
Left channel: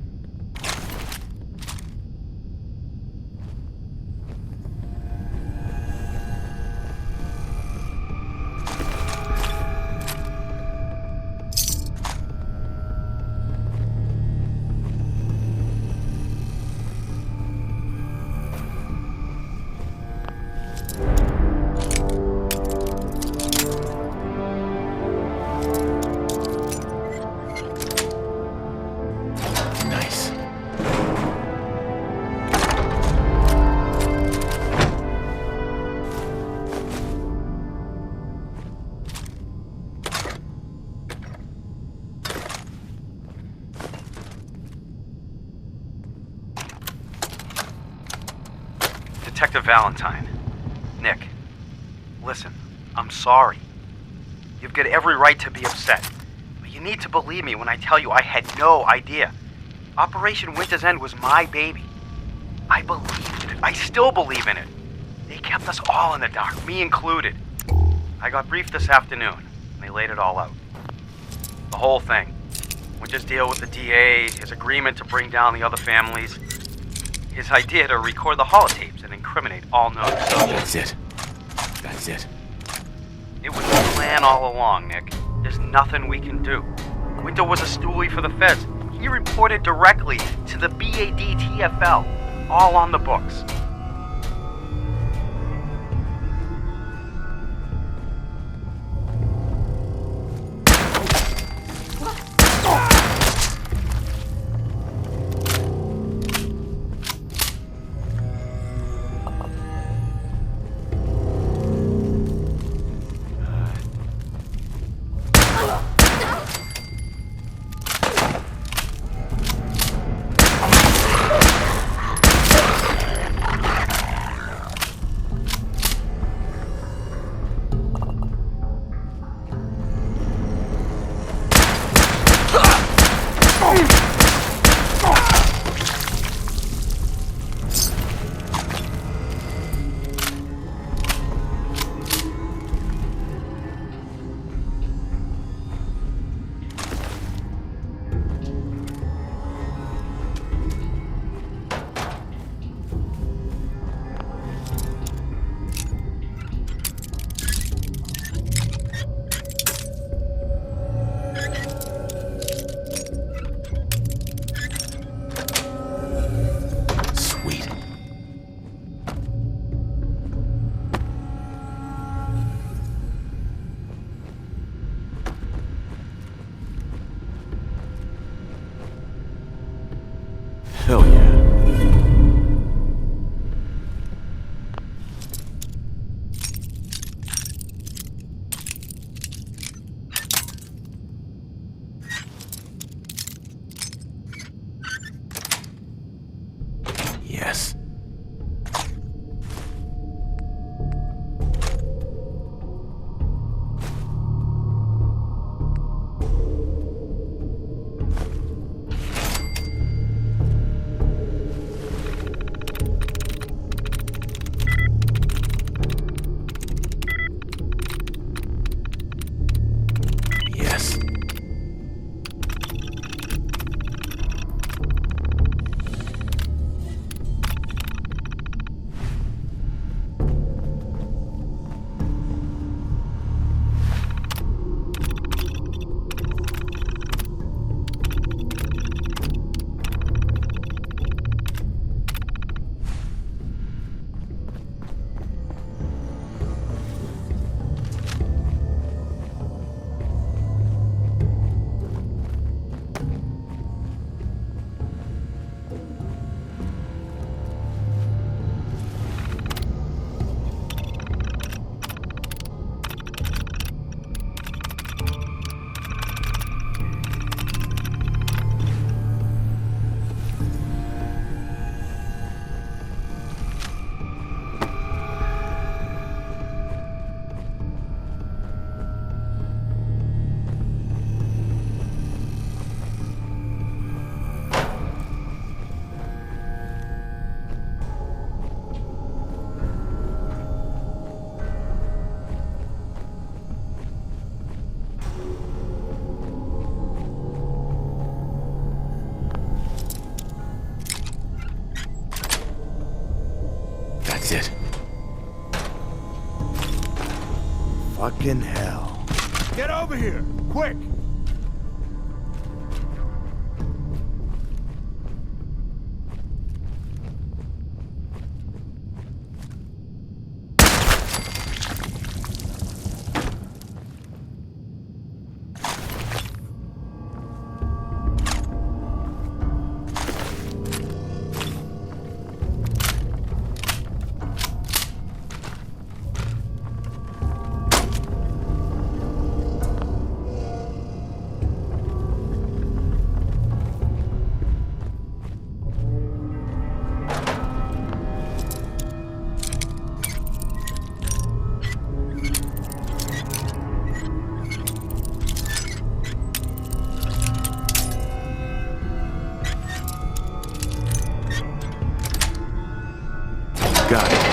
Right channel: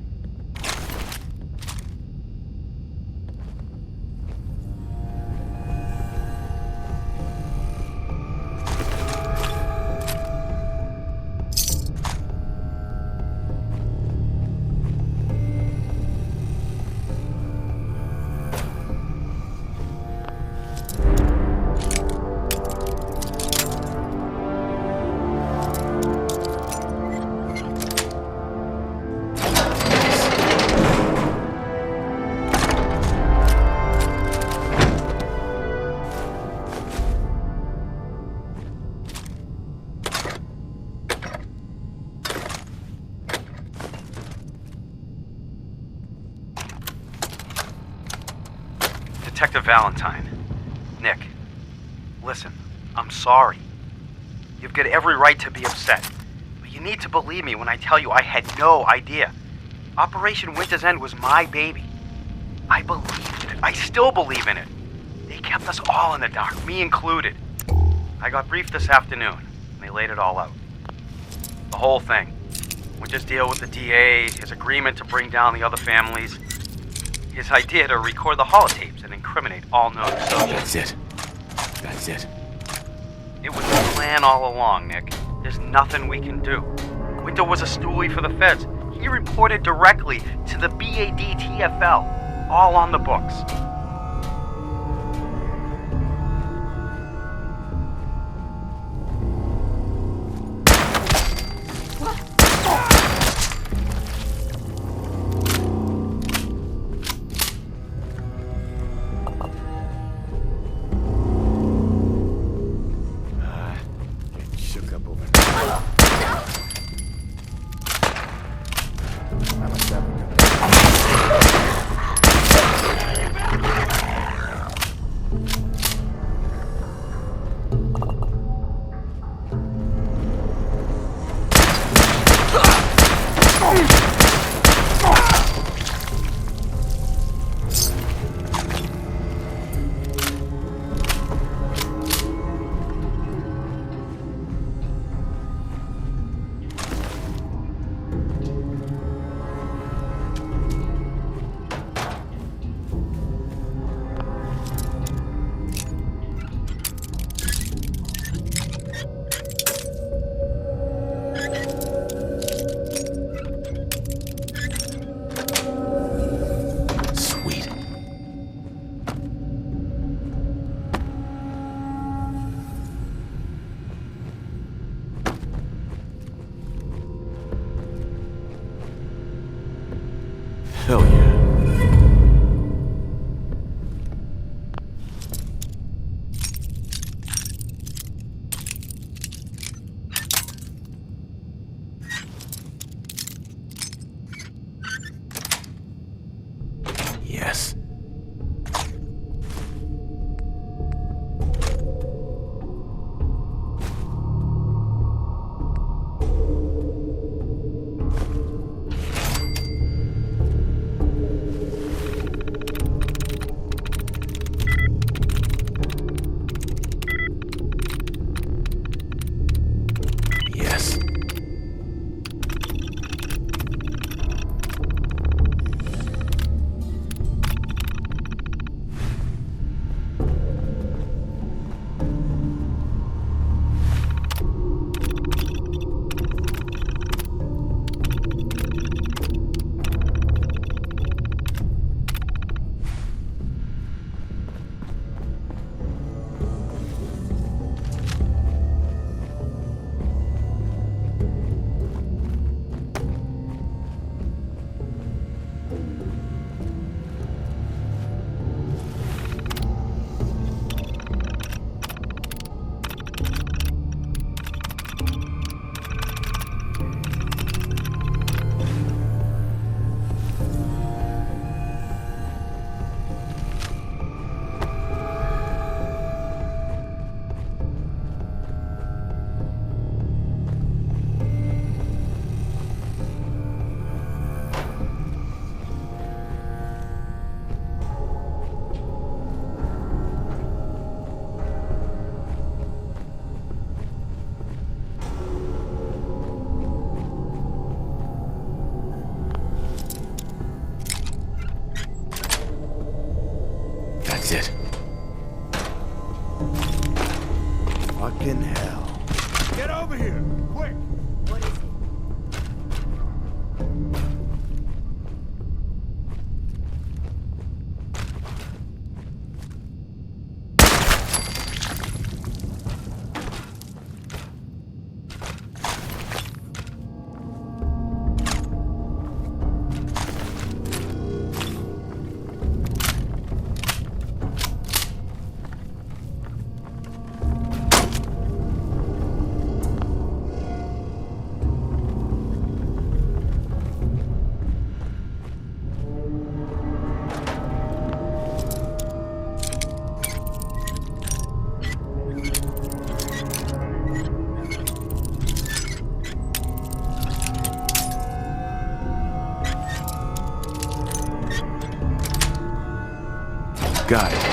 Detective Valentine. Nick, listen, I'm sorry. You've got every right to be upset. But you need to believe me when I tell you I had no idea. Operation Winter's End was my baby. I believed in it. I still believe in it. They kept us all in the dark, me included. I got briefed this afternoon, and they laid it all out. The whole thing. Winter's deal with the DA, his agreement to bring down the other families, his idea to record the holotapes and incriminate all known subjects. That's it. That's it. It was the plan all along, Nick. There's nothing we can do. Winter was a stoolie for the feds. He reported directly to the BADTFL, all on the books. Hell yeah. Yes. Yes. That's it. Fucking hell. Get over here, quick! Got it.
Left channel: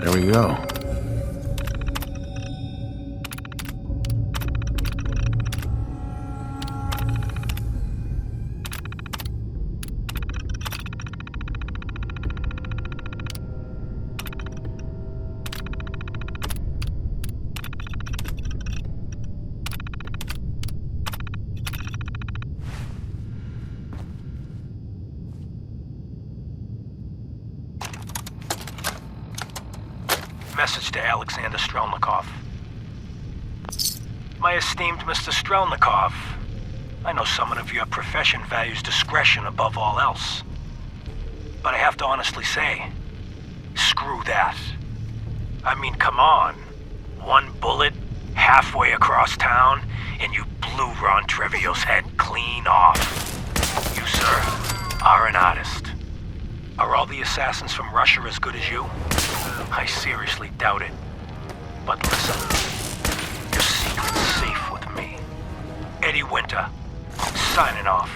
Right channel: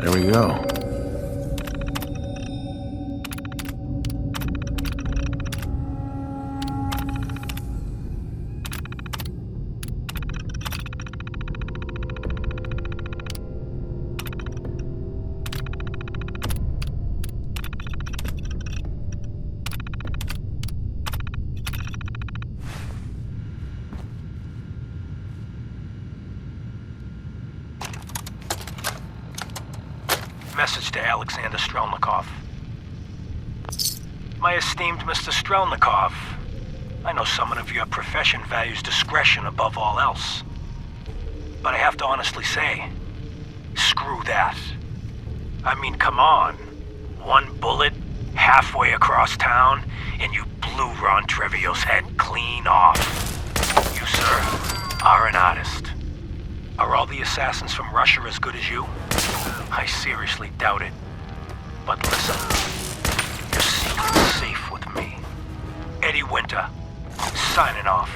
There we go. Message to Alexander Strelnikov. My esteemed Mr. Strelnikov, I know someone of your profession values discretion above all else. But I have to honestly say, screw that. I mean, come on. One bullet, halfway across town, and you blew Ron Trevio's head clean off. You, sir, are an artist. Are all the assassins from Russia as good as you? I seriously doubt it. But listen, your secret's safe with me. Eddie Winter, signing off.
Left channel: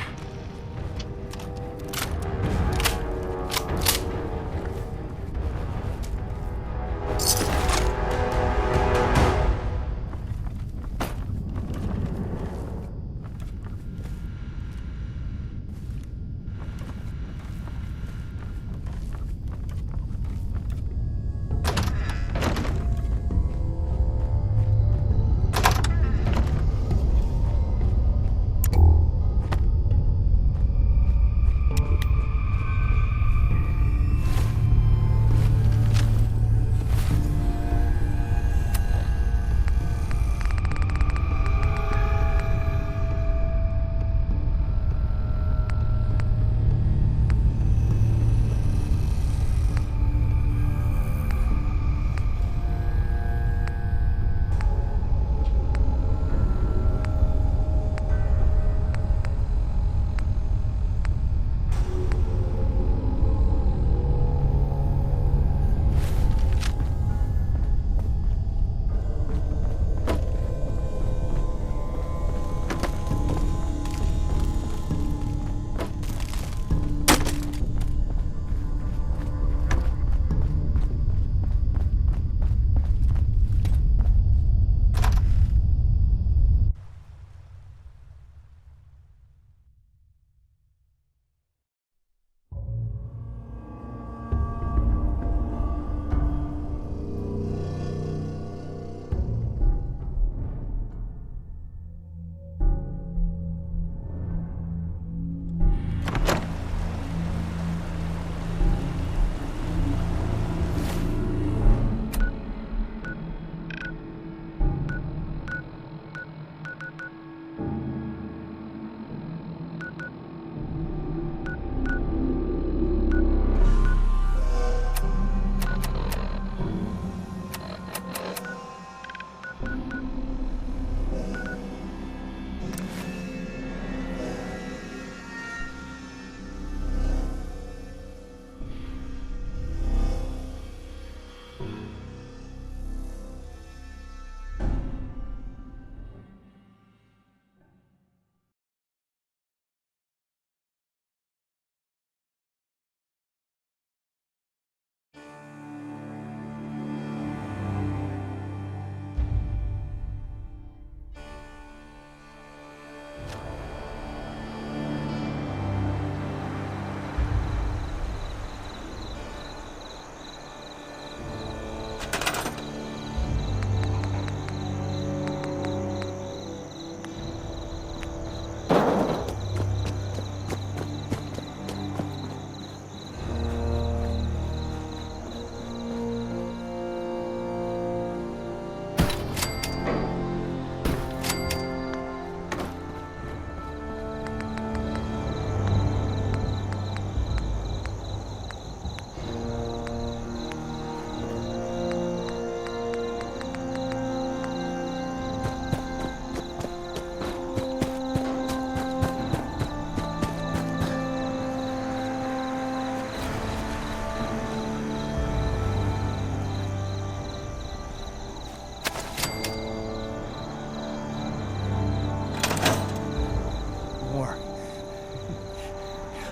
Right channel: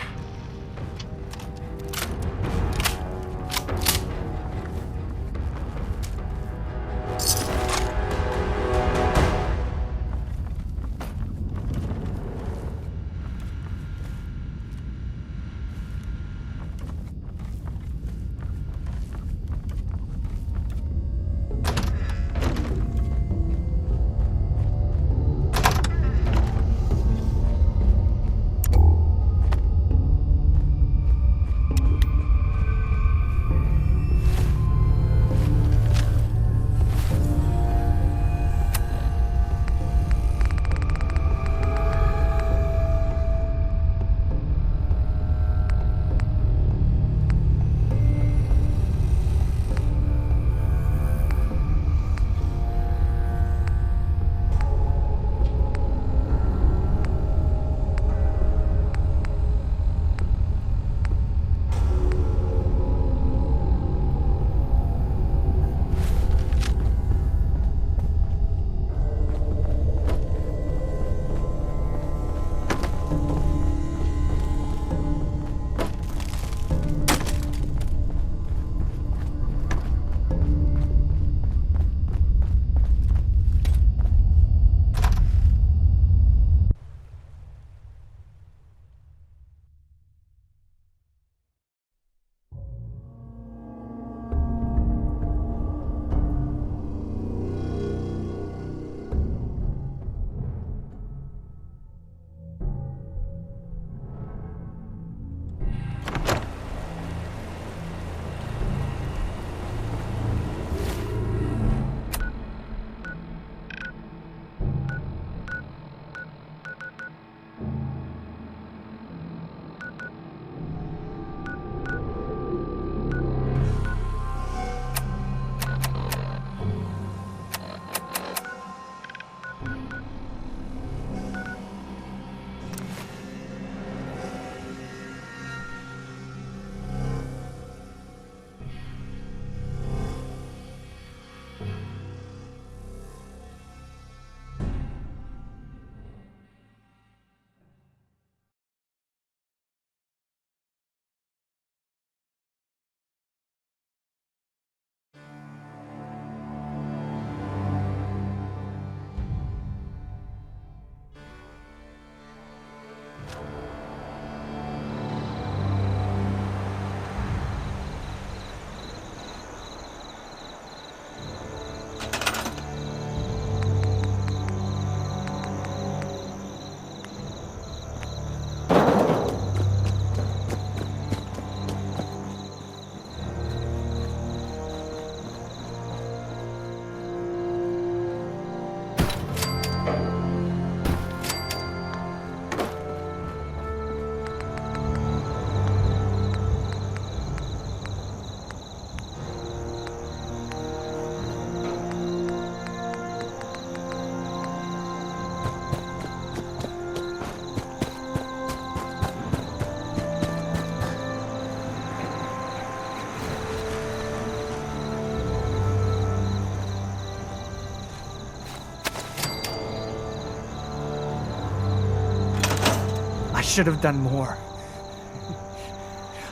Should have done more.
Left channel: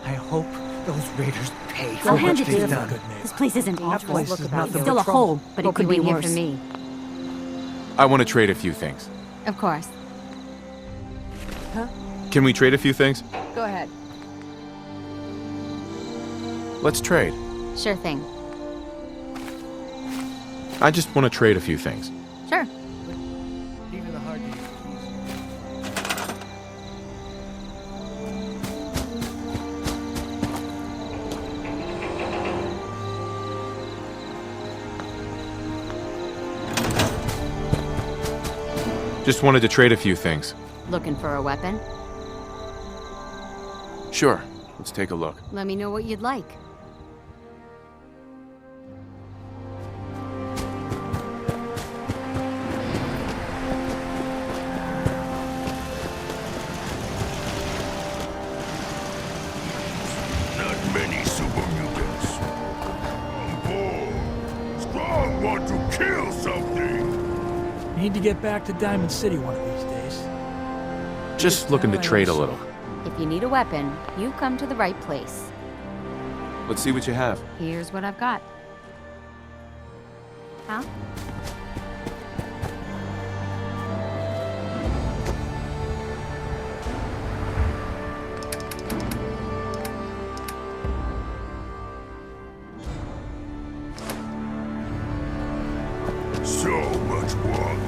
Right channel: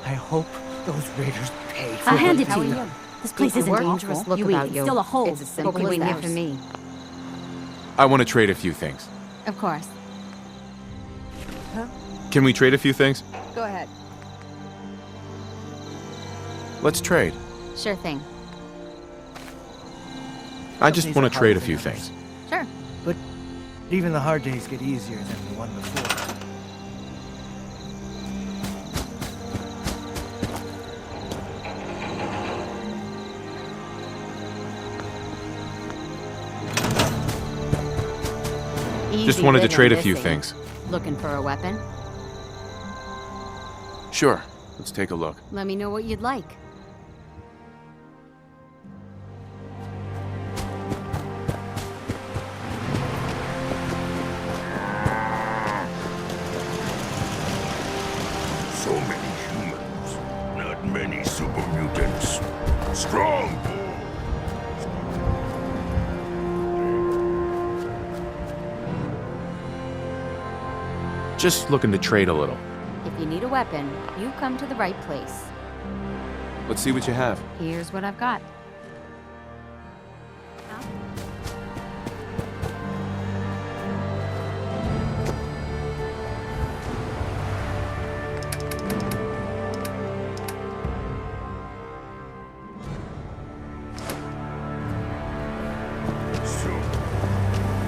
I hope those raiders pay for I'll hand what it to they've you. done. This place isn't dangerous. Look about you. Still a hole, but it could be here worse. for me. I want to trade a few things. Of course. Huh? Can we trade a few things? Go ahead. Let's trade. Sure thing. I just want to trade a few things. Sure. But even the hard days get easier than the one before. Just wanted to trade a few things. Looking for a weapon? Sure. Let's take a look. Let me know what you'd like. Strong bull. Strong want to kill something. Need to get back to Diamond City one of these days. Just looking to trade a little. If you need a weapon, you've come to the right place. Let's see what you have. Here's what I've got. Huh? So much work.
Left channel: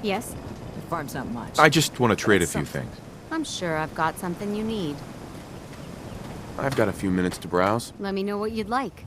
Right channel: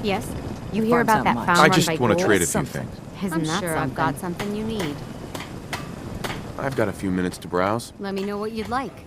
Yes? You hear farm's about not that much. found I one just by want to Gould? trade a few things. I'm sure I've got something you need. I've got a few minutes to browse. Let me know what you'd like.